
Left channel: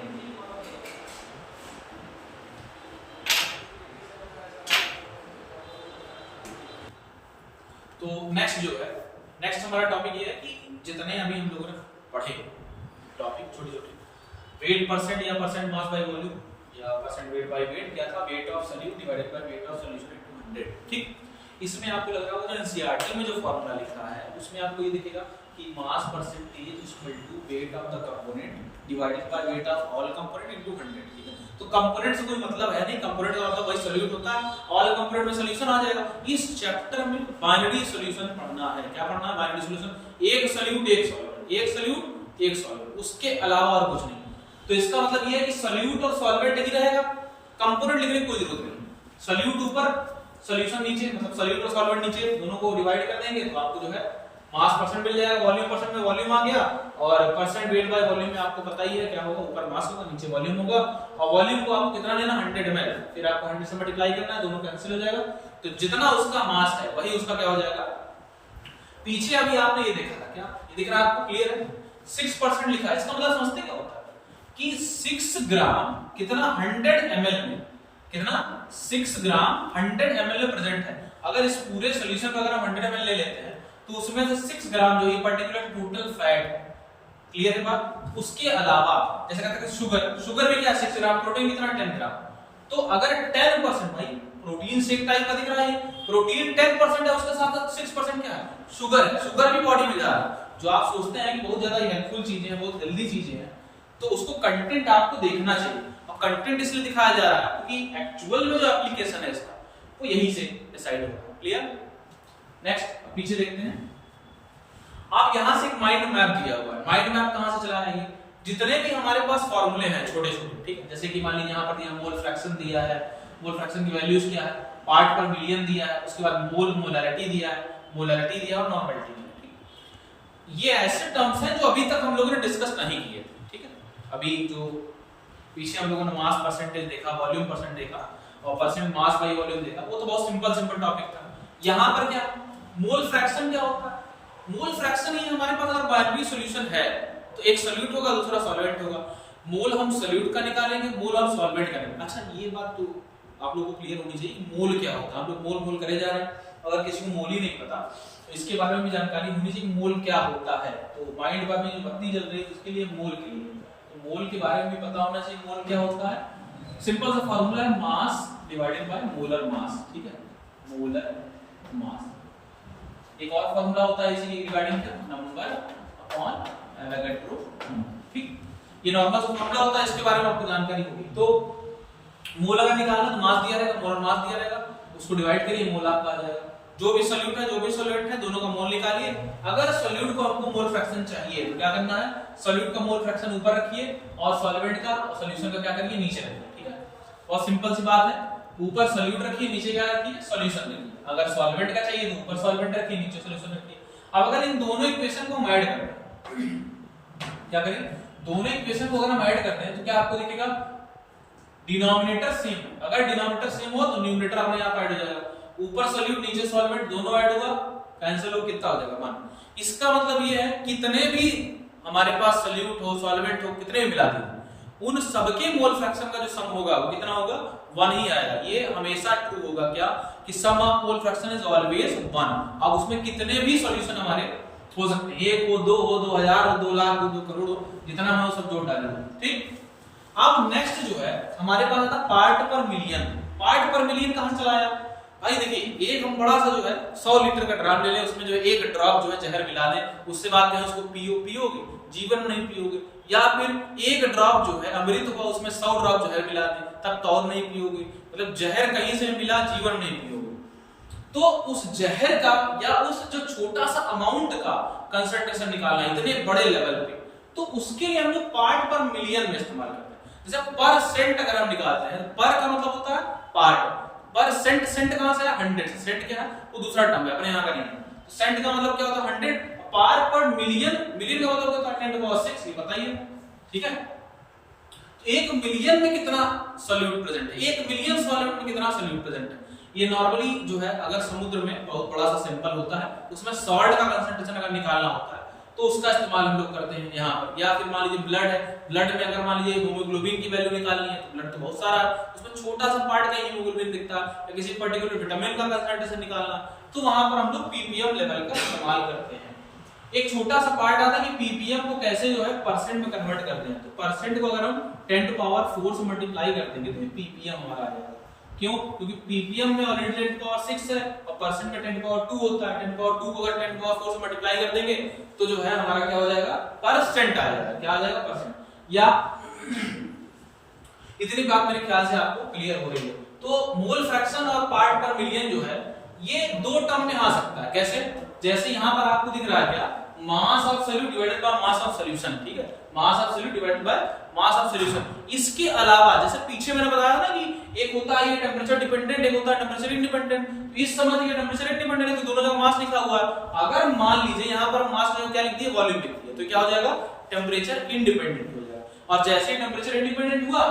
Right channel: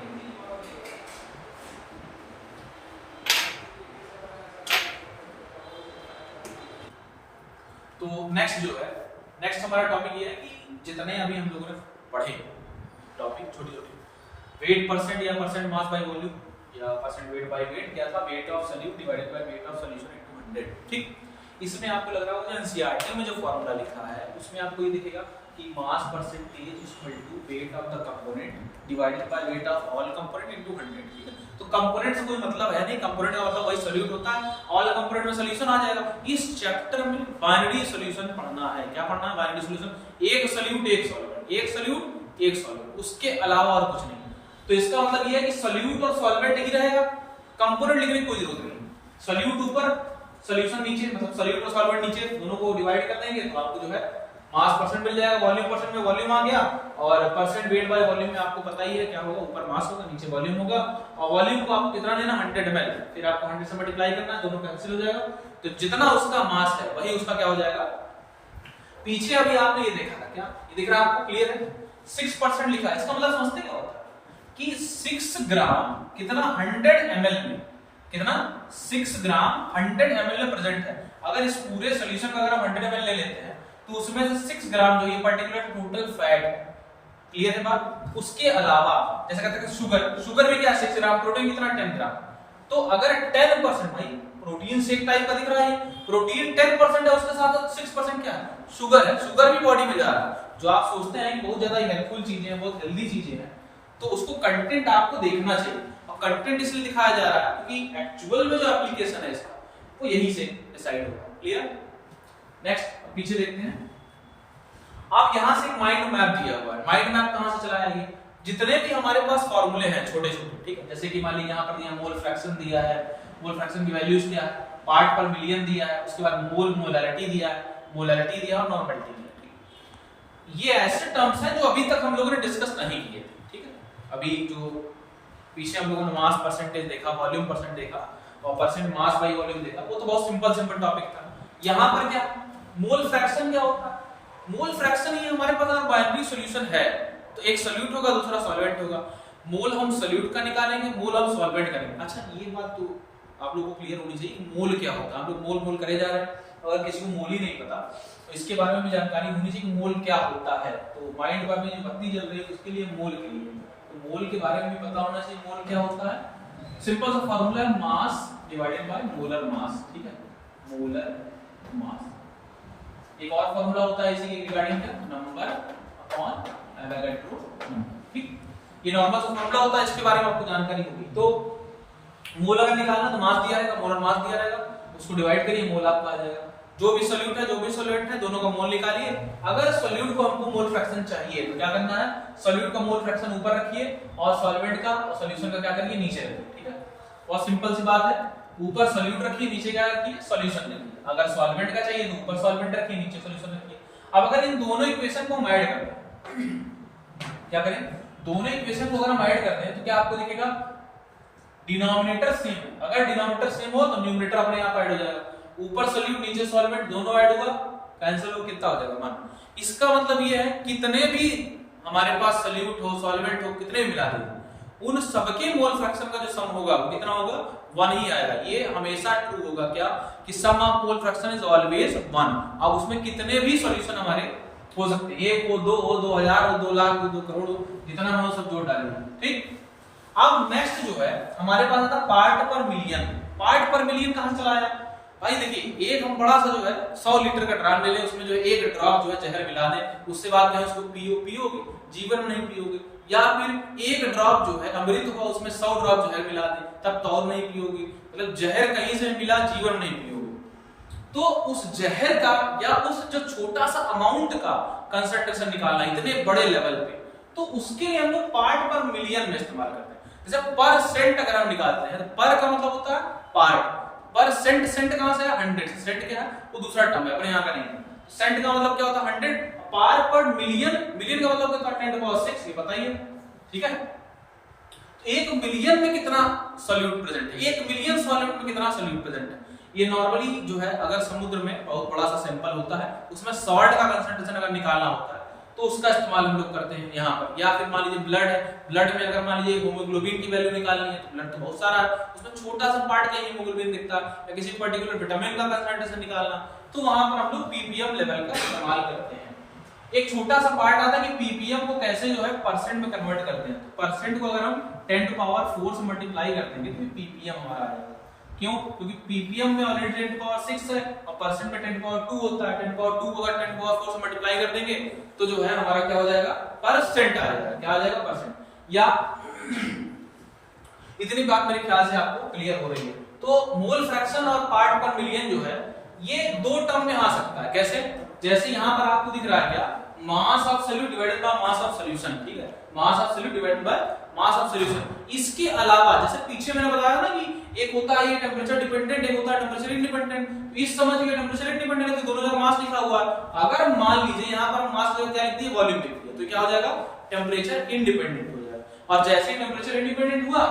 तो नेक्स्ट जो है, नेक्स्ट हमारा टॉपिक ये है कि जितने अभी हम लोगों ने पढ़े टॉपिक छोटे छोटे, वेट परसेंट या परसेंट मास बाय वॉल्यूम या परसेंट वेट बाय वेट, क्या था, weight of solute divided by weight of solution into 100। ठीक, इसमें आपको लग रहा होगा एनसीईआरटी में जो फॉर्मूला लिखा है उसमें आपको ये दिखेगा कि mass percentage equal to weight of the component divided by weight of all component into 100। ठीक है, तो कंपोनेंट से कोई मतलब है नहीं, कंपोनेंट का मतलब वही सॉल्यूट होता है, ऑल कंपोनेंट में सॉल्यूशन आ जाएगा। इस चैप्टर में बाइनरी सॉल्यूशन पढ़ना है। क्या पढ़ना है, बाइनरी सॉल्यूशन। एक सॉल्यूट एक सॉल्वेंट, एक सॉल्यूट एक सॉल्वेंट, उसके अलावा और कुछ नहीं। तो इसका मतलब ये है कि सॉल्यूट और सॉल्वेंट ही रहेगा, कंपोनेंट लिखने की कोई जरूरत नहीं। सॉल्यूट ऊपर, सॉल्यूशन नीचे, मतलब सॉल्यूट और सॉल्वेंट नीचे, दोनों को डिवाइड कर देंगे तो आपको जो है मास परसेंट मिल जाएगा, वॉल्यूम परसेंट में वॉल्यूम आ गया, और परसेंट वेट बाय वॉल्यूम में आपको पता ही है क्या होगा, ऊपर मास होगा नीचे वॉल्यूम होगा, और वॉल्यूम को आपको कितना लेना 100 ml, फिर आपको 100 से मल्टीप्लाई करना है, दोनों कैंसिल हो जाएगा, तो जितना उसका मास है वही उसका क्या हो जाएगा। पीछे अभी आपने ये देखा था, क्या ये दिख रहा है आपको, क्लियर है, 6% लिखा है, इसका मतलब समझते क्या होता है कि 6 ग्राम कितना 100 ml में, कितना 6 ग्राम 100 ml में प्रेजेंट है। अगर इस पूरे सॉल्यूशन का अगर हम 100 ml ले लेते हैं तो उसमें से 6 ग्राम जो ये पर्टिकुलर टोटल फैट, क्लियर है बात। उसके अलावा जैसे कहते हैं शुगर में क्या 6 ग्राम, प्रोटीन कितना 10 ग्राम, तो अगर 10% भाई प्रोटीन से एक टाइप का दिख रहा है, प्रोटीन 10% है, उसके साथ 6% क्या है, शुगर है, शुगर भी बॉडी में जा रहा है, जो आप सोचते हैं कि बहुत ज्यादा हेल्पफुल चीजें हैं, बहुत हेल्दी चीजें हैं, तो उसको कंटेंट आपको देखना चाहिए। अब कंटेंट इसलिए दिखाया जा रहा है क्योंकि एक्चुअल में जो एप्लीकेशन है इसका वो यही से डिसाइड होगा, क्लियर। नेक्स्ट पीछे देखते हैं, आप यहां से एक माइंड मैप दिया हुआ है, माइंड मैप कहां से चलाया है, जितने भी हमारे पास फॉर्मूले हैं छोटे छोटे, ठीक है, जैसे कि मान लीजिए यहां पर दिया मोल फ्रैक्शन दिया है, मोल फ्रैक्शन की वैल्यूज क्या है, पार्ट पर मिलियन दिया है, उसके बाद मोल मोलैरिटी दिया है, मोलैरिटी दिया और नॉर्मलिटी दिया। ये ऐसे टर्म्स हैं जो अभी तक हम लोगों ने डिस्कस नहीं किए, ठीक है। अभी जो पीछे हम लोगों ने मास परसेंटेज देखा, वॉल्यूम परसेंट देखा और परसेंट मास बाय वॉल्यूम देखा, वो तो बहुत सिंपल टॉपिक था। यहां पर क्या मोल फ्रैक्शन क्या होता है, मोल फ्रैक्शन ही हमारे पास अगर बाइनरी सॉल्यूशन है तो एक सॉल्यूट होगा दूसरा सॉल्वेंट होगा, मोल हम सॉल्यूट का निकालेंगे, मोल हम सॉल्वेंट का निकालेंगे। अच्छा ये बात तो आप लोगों को क्लियर होनी चाहिए, मोल क्या होता है, हम लोग मोल करे जा रहे हैं, अगर किसी को मोल ही नहीं पता तो इसके बारे में भी जानकारी होनी चाहिए, मोल क्या होता है। तो माइंड पर में जो बत्ती जल रही है उसके लिए मोल के लिए, तो मोल के बारे में भी पता होना चाहिए, मोल क्या होता है। सिंपल सा फॉर्मूला है mass divided by molar mass, ठीक है, मोलर मास। एक और फॉर्मूला होता है इसी के रिगार्डिंग का, नंबर अपॉन एवोगाड्रो, ठीक, ये नॉर्मल फॉर्मूला होता है, इसके बारे में आपको जानकारी होगी। तो मोल अगर निकालना तो मास दिया रहेगा, मोलर मास दिया रहेगा, उसको डिवाइड करिए, मोल आपका आ जाएगा। जो भी सॉल्यूट है जो भी सॉल्वेंट है दोनों का मोल निकालिए। अगर सॉल्यूट को हमको मोल फ्रैक्शन चाहिए तो क्या करना है, सॉल्यूट का मोल फ्रैक्शन ऊपर रखिए और सॉल्वेंट का सॉल्यूशन का क्या करिए नीचे रखिए, ठीक है। बहुत सिंपल सी बात है, ऊपर सॉल्यूट रखिए नीचे क्या रखिए सॉल्यूशन रखिए। अगर सॉल्वेंट का चाहिए तो ऊपर सॉल्वेंट रखिए नीचे सॉल्यूशन रखिए। अब अगर इन दोनों इक्वेशन को हम ऐड करें, क्या करें, दोनों इक्वेशन को अगर हम ऐड करते हैं तो क्या आपको दिखेगा, डिनोमिनेटर सेम। अगर डिनोमिनेटर सेम हो तो न्यूमरेटर अपने आप ऐड हो जाएगा, ऊपर सॉल्यूट नीचे सॉल्वेंट दोनों ऐड होगा, कैंसिल हो, कितना हो जाएगा मान। इसका मतलब ये है कितने भी हमारे पास सॉल्यूट हो सॉल्वेंट हो कितने भी मिला दो, उन सबके मोल फ्रैक्शन का जो सम होगा वो कितना होगा, 1 ही आएगा। ये हमेशा ट्रू होगा क्या, कि sum of mole fraction is always 1। अब उसमें कितने भी सॉल्यूशन हमारे हो सकते हैं, 1 हो 2 हो 2000 हो 2 लाख हो 2 करोड़ हो, जितना हम सब जोड़ डालेंगे, ठीक। अब नेक्स्ट जो है हमारे पास आता पार्ट पर मिलियन। पार्ट पर मिलियन कहां से चला आया भाई, देखिए एक हम बड़ा सा जो है 100 लीटर का ड्राम ले लें, उसमें जो है एक ड्रॉप जो है जहर मिला दें, उससे बात कहें उसको पियोगे, जीवन में नहीं पियोगे। या फिर एक ड्रॉप जो है अमृत हुआ उसमें 100 ड्रॉप जहर मिला दें, तब तो और नहीं पियोगे, मतलब जहर कहीं से मिला जीवन में नहीं पियोगे। तो उस जहर का या उस जो छोटा सा अमाउंट का कंसंट्रेशन निकालना इतने बड़े लेवल पे, तो उसके लिए हम लोग पार्ट पर मिलियन में इस्तेमाल करते हैं। जैसे परसेंट अगर हम निकालते हैं, पर का मतलब होता है पार्ट, पर सेंट, सेंट कहां से है 100, सेंट क्या है वो दूसरा टर्म है अपने यहां का नहीं है। सेंट का मतलब क्या होता है 100, पार पर मिलियन, मिलियन का मतलब होता है 10⁻⁶, ये बताइए, ठीक है। 1 मिलियन में कितना सॉल्यूट प्रेजेंट है, 1 मिलियन सॉल्यूट में कितना सॉल्यूट प्रेजेंट है। ये नॉर्मली जो है अगर समुद्र में बहुत बड़ा सा सैंपल होता है, उसमें सॉल्ट का कंसंट्रेशन अगर निकालना होता है तो उसका इस्तेमाल हम लोग करते हैं यहाँ पर। या फिर मान लीजिए ब्लड है, ब्लड में अगर मान लीजिए हीमोग्लोबिन की वैल्यू निकालनी है तो ब्लड तो बहुत सारा है, उसमें छोटा सा पार्ट का हीमोग्लोबिन दिखता है, या किसी पर्टिकुलर विटामिन का कंसंट्रेशन निकालना, तो वहां पर हम लोग पीपीएम लेवल का इस्तेमाल करते हैं। एक छोटा सा पार्ट आता है कि पीपीएम को कैसे जो है परसेंट में कन्वर्ट करते हैं। तो परसेंट को अगर हम 10⁻⁴ से मल्टीप्लाई कर देंगे तो पीपीएम हमारा आ जाएगा। क्यों, क्योंकि पीपीएम में ऑलरेडी 10⁻⁶ है और परसेंट में 10⁻² होता है। 10⁻² को अगर 10⁻⁴ से मल्टीप्लाई कर देंगे तो जो है हमारा क्या हो जाएगा, परसेंट आ जाएगा। क्या आ जाएगा, परसेंट। या इतनी बात मेरे ख्याल से आपको क्लियर हो रही है। तो मोल फ्रैक्शन और पार्ट पर मिलियन जो है ये दो टर्म में आ सकता है। कैसे, जैसे यहां पर आपको दिख रहा है क्या, mass of solute divided by mass of solution, ठीक है, mass of solute divided by mass of solution. इसके अलावा जैसे पीछे मैंने बताया था ना कि एक होता है ये टेम्परेचर डिपेंडेंट, एक होता है टेम्परेचर इंडिपेंडेंट। इस समझ ये टेम्परेचर इंडिपेंडेंट है तो दोनों जगह मास लिखा हुआ है। अगर मान लीजिए यहाँ पर मास जो क्या लिख दिया, वॉल्यूम लिख दिया, तो क्या हो जाएगा, टेम्परेचर इंडिपेंडेंट हो जाएगा। और जैसे टेम्परेचर इंडिपेंडेंट हुआ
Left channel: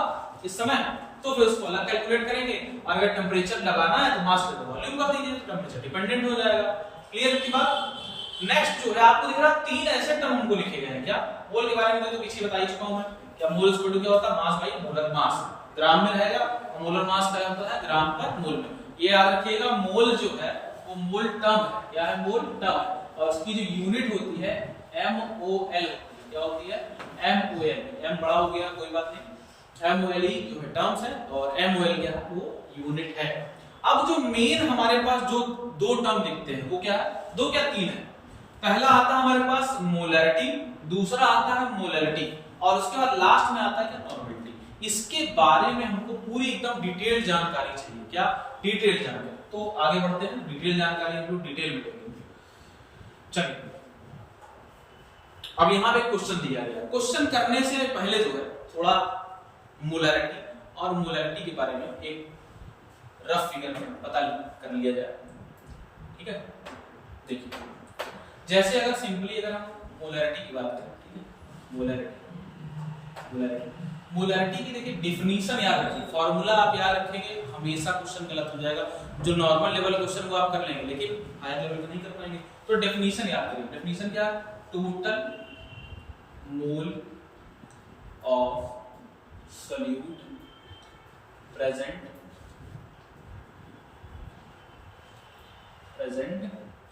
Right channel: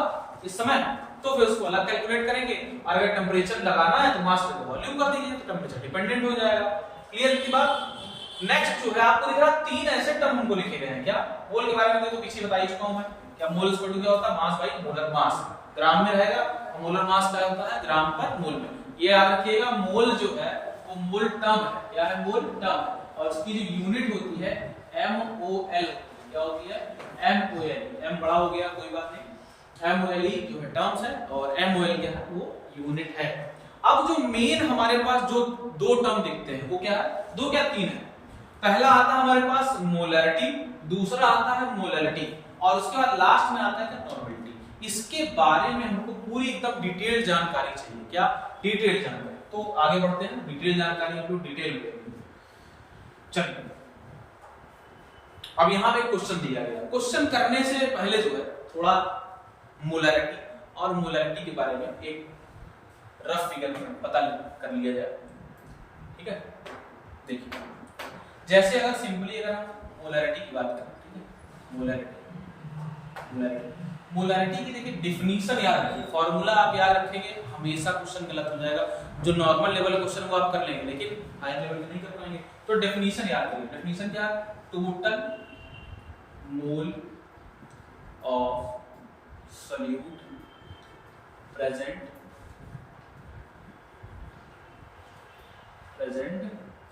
इस समय तो फिर उसको अलग कैलकुलेट करेंगे। और अगर टेम्परेचर लगाना है तो मास को वॉल्यूम कर दीजिए तो टेम्परेचर डिपेंडेंट हो जाएगा। क्लियर की बात। नेक्स्ट जो है आपको दिख रहा तीन ऐसे टर्म हमको लिखे गए हैं। क्या मोल के बारे में तो पीछे बता ही चुका हूं मैं। क्या मोल इक्वल टू क्या होता है, मास बाई मोलर मास। ग्राम में रहेगा, मोलर मास का होता है ग्राम पर मोल में। ये याद रखिएगा, मोल जो है वो मोल टर्म है। क्या है, मोल टर्म है। और उसकी जो यूनिट होती है MOL। क्या होती है, MOL। M बड़ा हो गया कोई बात नहीं, MOL जो है टर्म्स है और MOL क्या है, वो यूनिट है। अब जो मेन हमारे पास जो दो टर्म दिखते हैं वो क्या है, दो क्या तीन है। पहला आता है हमारे पास मोलैरिटी, दूसरा आता है मोलैलिटी और उसके बाद लास्ट में आता है क्या, नॉर्मलिटी। इसके बारे में हमको पूरी एकदम डिटेल जानकारी चाहिए। क्या, डिटेल जानकारी। तो आगे बढ़ते हैं, डिटेल जानकारी हम लोग डिटेल में लेंगे। चलिए अब यहाँ पे क्वेश्चन दिया गया है। क्वेश्चन करने से पहले जो है थोड़ा मोलैरिटी और मोलैलिटी के बारे में एक रफ फिगर में पता कर लिया जाए। ठीक है, देखिए जैसे अगर सिंपली अगर हम मोलैरिटी की बात करें, ठीक है, मोलैरिटी की देखिए डेफिनेशन याद रखिए। फॉर्मूला आप याद रखेंगे, हमेशा क्वेश्चन गलत हो जाएगा। जो नॉर्मल लेवल क्वेश्चन वो आप कर लेंगे लेकिन हाई लेवल में नहीं कर पाएंगे। तो डेफिनेशन याद करें। डेफिनेशन क्या है, total mole of solute present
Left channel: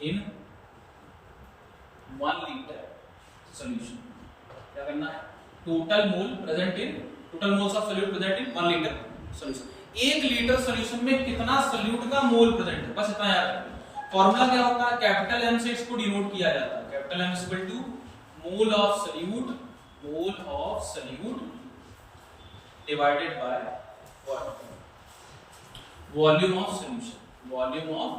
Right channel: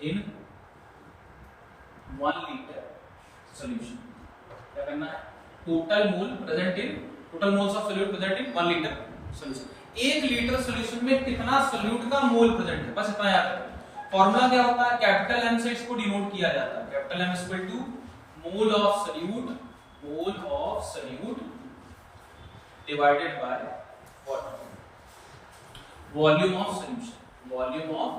in 1 litre solution. क्या करना है, total mole present in, total moles of solute present in 1 litre solution. 1 litre solution में कितना सॉल्यूट का मोल प्रेजेंट है, बस इतना याद रखना। फॉर्मूला क्या होता है, कैपिटल M से इसको डिनोट किया जाता है। Capital M equal to mole of solute divided by volume of solution. Volume of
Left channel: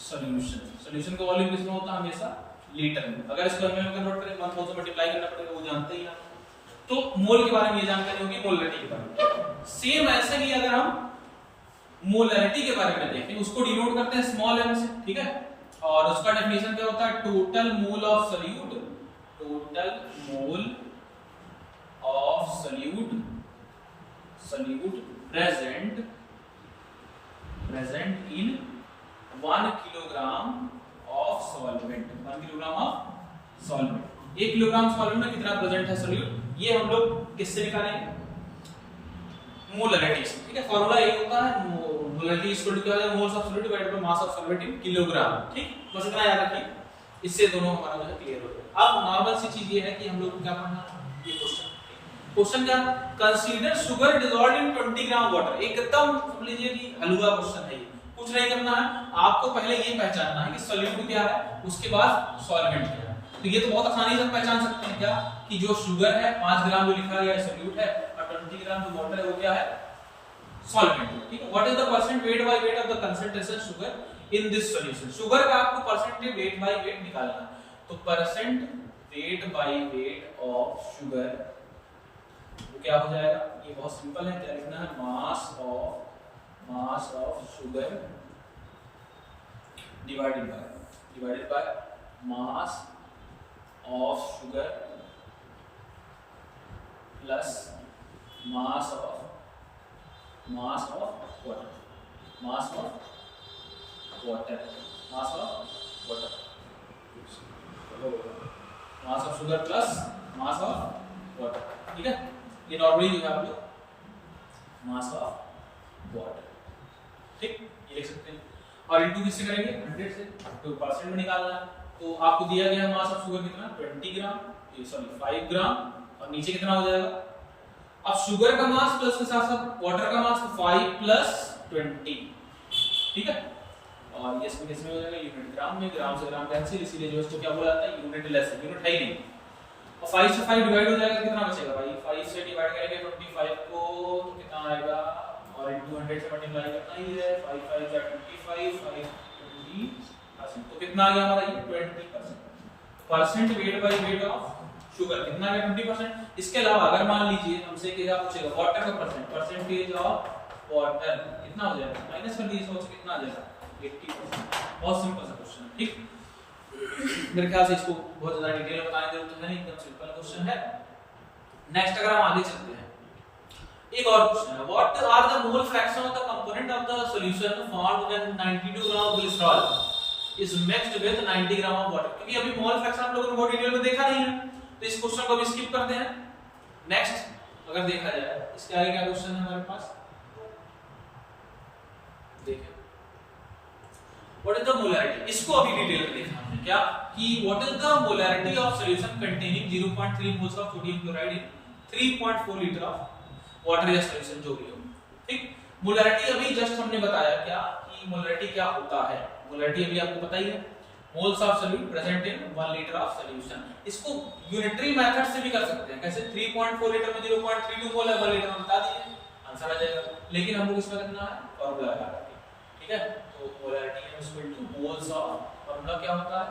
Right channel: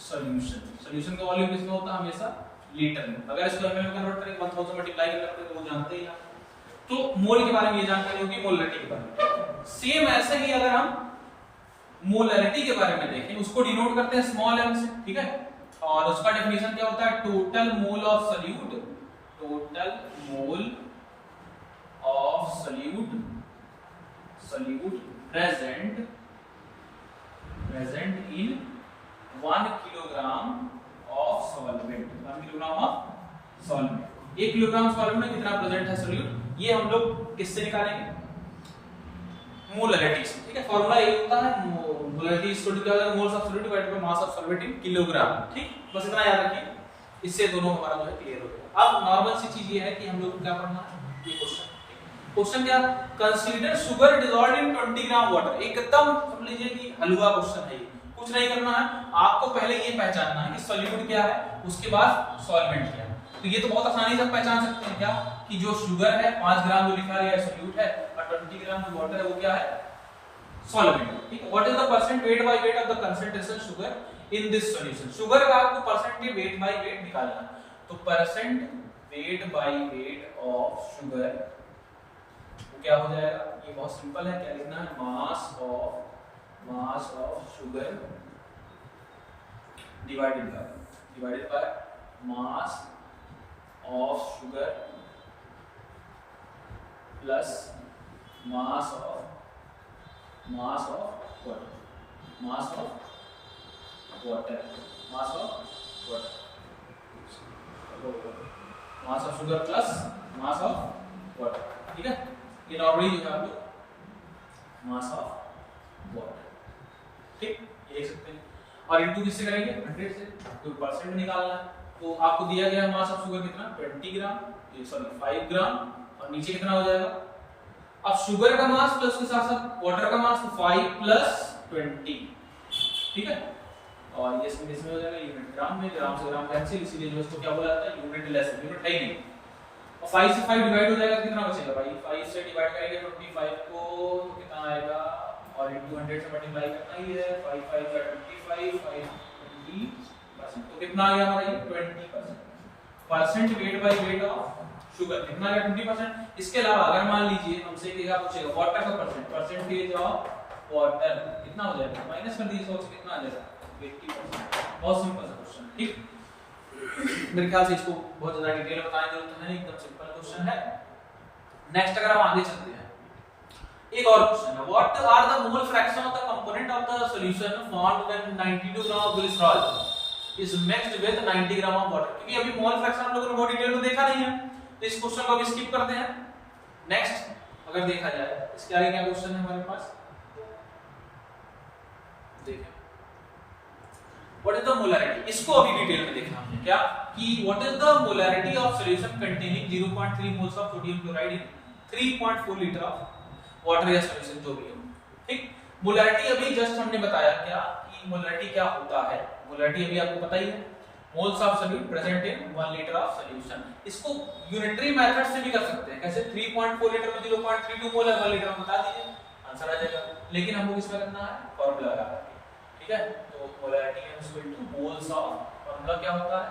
solution का वॉल्यूम कितना होता है, हमेशा लीटर में। अगर इसको ml में कन्वर्ट करें 1000 से मल्टीप्लाई करना पड़ेगा, वो जानते ही आप। तो मोल के बारे में ये जानकारी होगी, मोलैरिटी के बारे में। सेम ऐसे ही अगर हम मोलैरिटी के बारे में देखें, उसको डिनोट करते हैं स्मॉल m से। ठीक है, और उसका डेफिनेशन क्या होता है, total mole of solute, total mole of solute present in 1 kilogram of solvent. 1 kilogram of solvent. 1 kilogram solvent में कितना प्रेजेंट है सॉल्यूट, ये हम लोग किससे निकालेंगे, मोलैरिटी से। ठीक है, फॉर्मूला यही होता है, मोलैरिटी इक्वल टू क्या है, moles of solute divided by mass of solvent in kilogram. ठीक, बस इतना याद रखिए, इससे दोनों हमारा जो है क्लियर हो जाएगा। अब नॉर्मल सी चीज ये है कि हम लोग को क्या पढ़ना है, ये क्वेश्चन क्या, कंसीडर शुगर डिसॉल्व्ड इन 20 ग्राम वाटर। एकदम समझ लीजिए कि हलवा क्वेश्चन है ये, कुछ नहीं करना है आपको, पहले ये पहचानना है कि सॉल्यूट क्या है, उसके बाद सॉल्वेंट क्या है। तो ये तो बहुत आसानी से पहचान सकते हैं क्या, कि जो शुगर है 5 ग्राम जो लिखा गया है सॉल्यूट है, और 20 ग्राम जो वाटर है वो क्या है, सॉल्वेंट। ठीक है, what is the percent weight by weight of the concentration sugar in this solution. Sugar का आपको परसेंटेज वेट बाय वेट निकालना है। तो percent weight by weight of sugar वो क्या हो जाएगा, ये बहुत सिंपल है। क्या लिखना है, mass of sugar divided by mass of sugar plus mass of water. Mass of sugar plus mass of water. ठीक है, ये नॉर्मली जो है आप लोग मास ऑफ वाटर। ठीक, ये लिख सकते हैं। और इनटू किससे करेंगे, 100 से, तो परसेंट में निकालना है। तो आपको दिया गया मास ऑफ शुगर कितना, 20 ग्राम, सॉरी 5 ग्राम, और नीचे कितना हो जाएगा। अब शुगर का मास प्लस उसके साथ साथ वाटर का मास 5 प्लस 20। ठीक है, और ये इसमें किसमें हो जाएगा, यूनिट ग्राम में। ग्राम से ग्राम कैंसिल, इसीलिए जो इसको क्या बोला जाता है, यूनिट लेस, यूनिट है ही नहीं। और 5 से 5 डिवाइड हो जाएगा, कितना बचेगा भाई, 5 से डिवाइड करेंगे 25 को तो कितना आएगा, और इनटू 100 से मल्टीप्लाई करना ही है। 5 5 या 25, 5 20%, तो कितना आ गया हमारा ये 20%। Percent weight by weight of sugar कितना है 20%। इसके अलावा अगर मान लीजिए हमसे क्या पूछेगा वाटर का परसेंटेज ऑफ वाटर कितना हो जाएगा, माइनस कर दीजिए 100 से कितना आ जाएगा 80%। बहुत सिंपल सा क्वेश्चन है, ठीक। मेरे ख्याल से इसको बहुत ज्यादा डिटेल में बताने की जरूरत है नहीं, एकदम सिंपल क्वेश्चन है। नेक्स्ट अगर हम आगे चलते हैं, एक और क्वेश्चन है, what are the mole fraction of the component of the solution found when 92 gram of glycerol is mixed with 90 gram of water. क्योंकि अभी मोल फ्रैक्शन हम लोगों ने बहुत डिटेल में देखा नहीं है, तो इस क्वेश्चन को भी स्किप करते हैं। नेक्स्ट अगर देखा जाए इसके आगे क्या क्वेश्चन है हमारे पास, देखिए व्हाट इज द मोलैरिटी, इसको अभी डिटेल में देखना हमने क्या कि what is the molarity of solution containing 0.3 moles of sodium chloride in 3.4 litre of water या सॉल्यूशन जो भी हो, ठीक। मोलैरिटी अभी जस्ट हमने बताया क्या कि मोलैरिटी क्या होता है, मोलैरिटी अभी आपको पता ही है, moles of solute present in 1 litre of solution. इसको यूनिटरी मेथड से भी कर सकते हैं, कैसे 3.4 लीटर में 0.32 मोल है 1 लीटर में, बता दीजिए आंसर आ जाएगा। लेकिन हमको किसमें करना है, फार्मूला लगा के, ठीक है। तो molarity is equal two moles of, formula क्या होता है,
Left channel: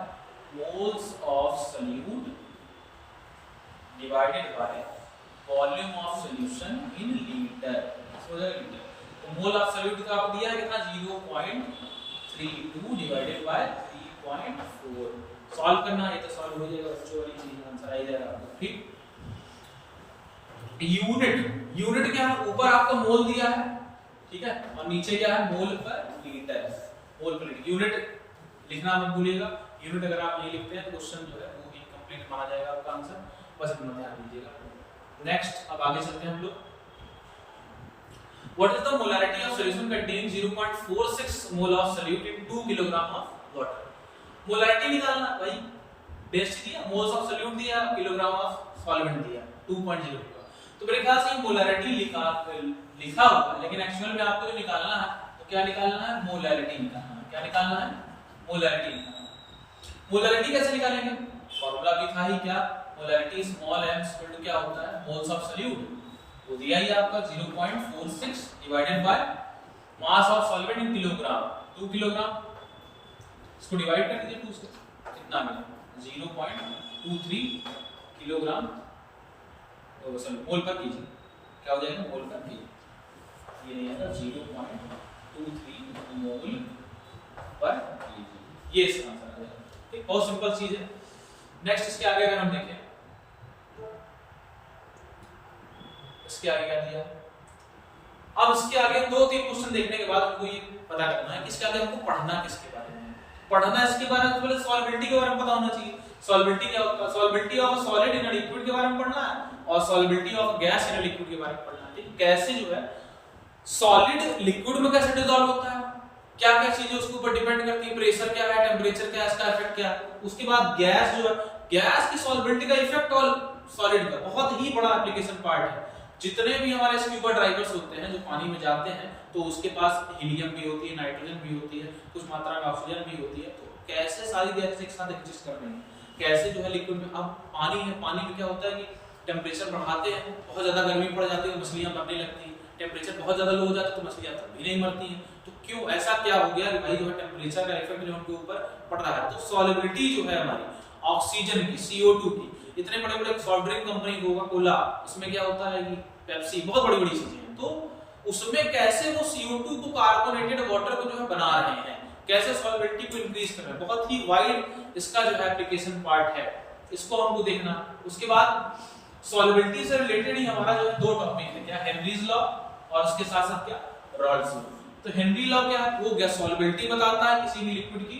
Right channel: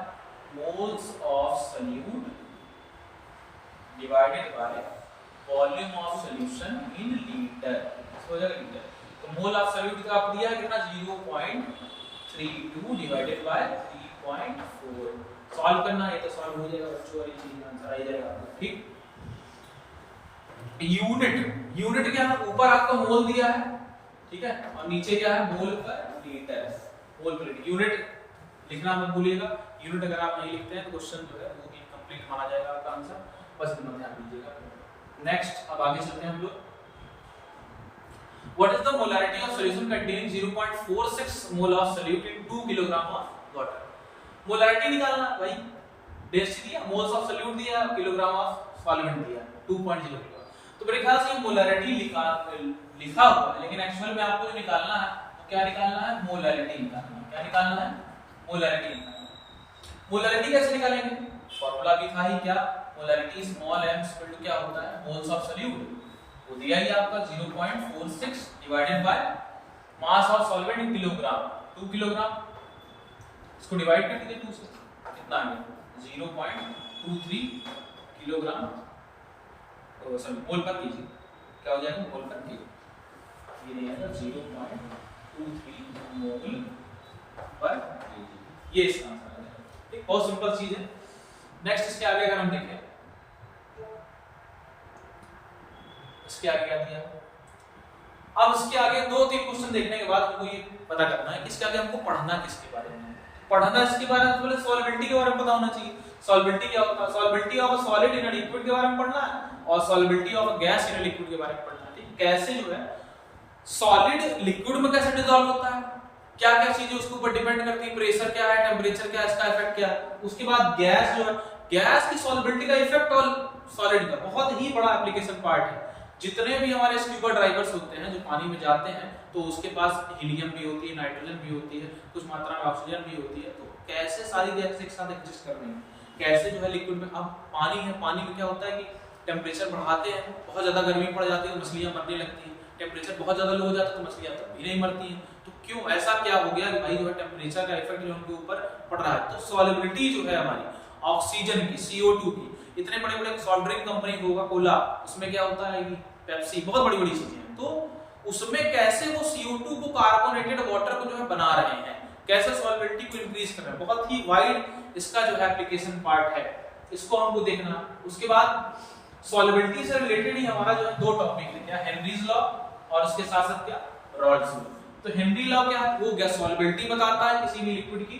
moles of solute divided by volume of solution in litre, इसको हो जाएगा लीटर। तो मोल ऑफ सॉल्यूट का आपको दिया है कितना 0.32 डिवाइडेड बाय 3.4, सॉल्व करना है तो सॉल्व हो जाएगा, बच्चों वाली चीज आंसर आ जाएगा आपको, ठीक। यूनिट क्या है, ऊपर आपका मोल दिया है, ठीक है, और नीचे क्या है मोल पर लीटर, मोल पर लीटर। यूनिट लिखना मत भूलिएगा, यूनिट अगर आप नहीं लिखते हैं तो क्वेश्चन जो है वो इनकम्प्लीट माना जाएगा आपका आंसर, बस इतना ध्यान दीजिएगा। नेक्स्ट अब आगे चलते हैं हम लोग, what is the molarity of solution containing 0.46 mole of solute in 2 kilogram of water. Molarity निकालना भाई, बेस्ट दिया, मोल्स ऑफ सॉल्यूट दिया, किलोग्राम ऑफ सॉल्वेंट दिया 2.0। तो मेरे ख्याल से मोलैरिटी लिखा हुआ है, लेकिन एक्चुअल में आपको जो निकालना है वो क्या निकालना है, मोलैरिटी निकालना है। क्या निकालना है, मोलैरिटी निकालना। मोलैरिटी कैसे निकालेंगे, फार्मूला भी था ही क्या, molarity small m equal to क्या होता है, मोल्स ऑफ सॉल्यूट, वो दिया ही आपका 0.46 divided by mass of solvent in kilogram, 2 kilogram, इसको डिवाइड कर दीजिए 2 से, कितना है 0.23 किलोग्राम, सॉरी मोल पर कीजिए, क्या हो जाएगा मोल पर कीजिए, ये नहीं आएगा 0.23 मोल पर कीजिए, ये इसका आंसर आ जाएगा, ठीक। बहुत सिंपल चीज है। नेक्स्ट इसके आगे अगर हम देखें, इसके आगे क्या दिया, अब इसके आगे 2-3 क्वेश्चन देखने के बाद हमको ये पता करना है कि इसके आगे हमको पढ़ना किसके बारे में है। पढ़ना इसके बारे में, पहले सॉल्वेंटी के बारे में पता होना चाहिए। सॉल्वेंटी क्या होता है, solvency of a solid in a liquid के बारे में पढ़ना है, और solvency of a gas in a liquid के बारे में पढ़ना है। कैसे जो है सॉलिड लिक्विड में कैसे डिसॉल्व होता है, क्या क्या चीजें उसके ऊपर डिपेंड करती है, प्रेशर क्या है, टेम्परेचर क्या है, इसका इफेक्ट क्या है। उसके बाद गैस जो है, गैस की सॉल्वेंटी का इफेक्ट और सॉलिड का बहुत ही बड़ा एप्लीकेशन पार्ट है। जितने भी हमारे स्क्यूबा ड्राइवर्स होते हैं जो पानी में जाते हैं, तो उसके पास हीलियम भी होती है, नाइट्रोजन भी होती है, कुछ मात्रा में ऑक्सीजन भी होती है। तो कैसे सारी गैसें एक साथ एग्जिस्ट कर रही हैं, कैसे जो है लिक्विड में, अब पानी है, पानी में क्या होता है कि टेम्परेचर बढ़ाते हैं, बहुत ज्यादा गर्मी पड़ जाती है, मछलियां मरने लगती हैं, टेम्परेचर बहुत ज्यादा लो हो जाता है तो मछलियां तब भी नहीं मरती हैं। तो क्यों ऐसा क्या हो गया कि भाई जो है टेम्परेचर का इफेक्ट जो उनके ऊपर पड़ रहा है। तो सॉल्युबिलिटी जो है हमारी ऑक्सीजन की, CO2 की, इतने बड़े बड़े soft drink company Coca Cola, इसमें क्या होता है कि पेप्सी, बहुत बड़ी बड़ी चीजें, तो उसमें कैसे वो CO2 को, कार्बोनेटेड वाटर को जो है बना रहे हैं, कैसे सॉल्युबिलिटी को इंक्रीज कर रहे हैं, बहुत ही वाइड इसका जो है एप्लीकेशन पार्ट है, इसको हमको देखना। उसके बाद सॉल्युबिलिटी से रिलेटेड ही हमारा जो है 2 टॉपिक है, क्या हेनरीज लॉ और उसके साथ साथ क्या रॉल्स लॉ। तो हेनरी लॉ क्या है, वो गैस सॉल्युबिलिटी बताता है किसी भी लिक्विड की,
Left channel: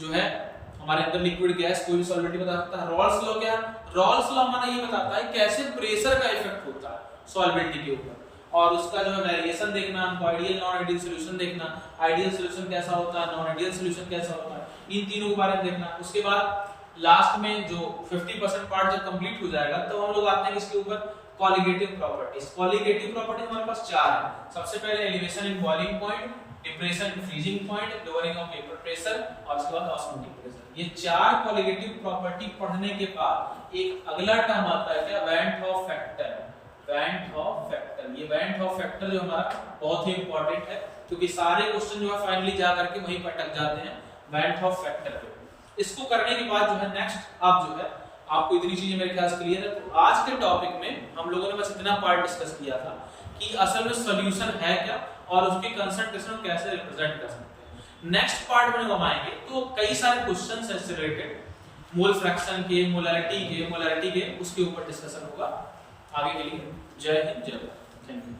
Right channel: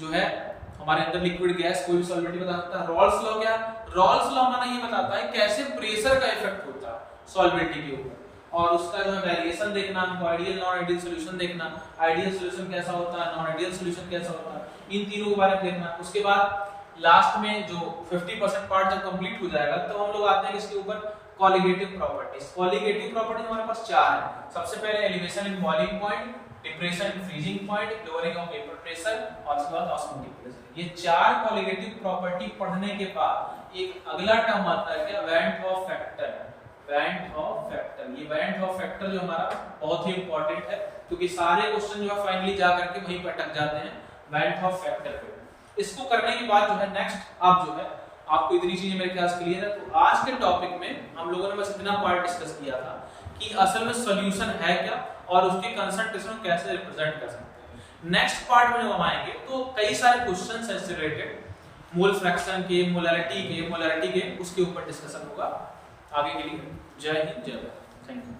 जो है हमारे अंदर लिक्विड गैस कोई भी सॉल्युबिलिटी बताता है। रॉल्स लॉ क्या, रॉल्स लॉ हमारा ये बताता है कैसे प्रेशर का इफेक्ट होता है सॉल्वेंटी के ऊपर, और उसका जो है वेरिएशन देखना, आइडियल नॉन आइडियल सॉल्यूशन देखना, आइडियल सॉल्यूशन कैसा होता है, नॉन आइडियल सॉल्यूशन कैसा होता है, इन तीनों के बारे में देखना। उसके बाद लास्ट में जो 50% पार्ट जब कंप्लीट हो जाएगा तो हम लोग आते हैं इसके ऊपर कॉलिगेटिव प्रॉपर्टीज। कॉलिगेटिव प्रॉपर्टीज हमारे पास 4 है। सबसे पहले elevation in boiling point, depression in freezing point, lowering of vapour pressure और उसके बाद ऑस्मोटिक प्रेशर। ये 4 कॉलिगेटिव प्रॉपर्टी पढ़ने के बाद एक अगला टर्म आता है क्या, van't Hoff factor. Van't Hoff factor, ये वैन हॉफ फैक्टर जो हमारा बहुत ही इंपॉर्टेंट है, क्योंकि सारे क्वेश्चन जो है फाइनली जा करके वहीं पर अटक जाते हैं वैन हॉफ फैक्टर पे। इसको करने के बाद जो है नेक्स्ट आप जो है आपको इतनी चीजें मेरे ख्याल से क्लियर है। तो आज के टॉपिक में हम लोगों ने बस इतना पार्ट डिस्कस किया था कि असल में सॉल्यूशन है क्या और उसकी कंसंट्रेशन को कैसे रिप्रेजेंट कर सकते हैं। नेक्स्ट पार्ट में हम आएंगे तो कई सारे क्वेश्चंस हैं इससे रिलेटेड, मोल फ्रैक्शन के, मोलैरिटी के, उसके ऊपर डिस्कशन होगा। आगे के लिए जय हिंद, जय भारत, थैंक यू।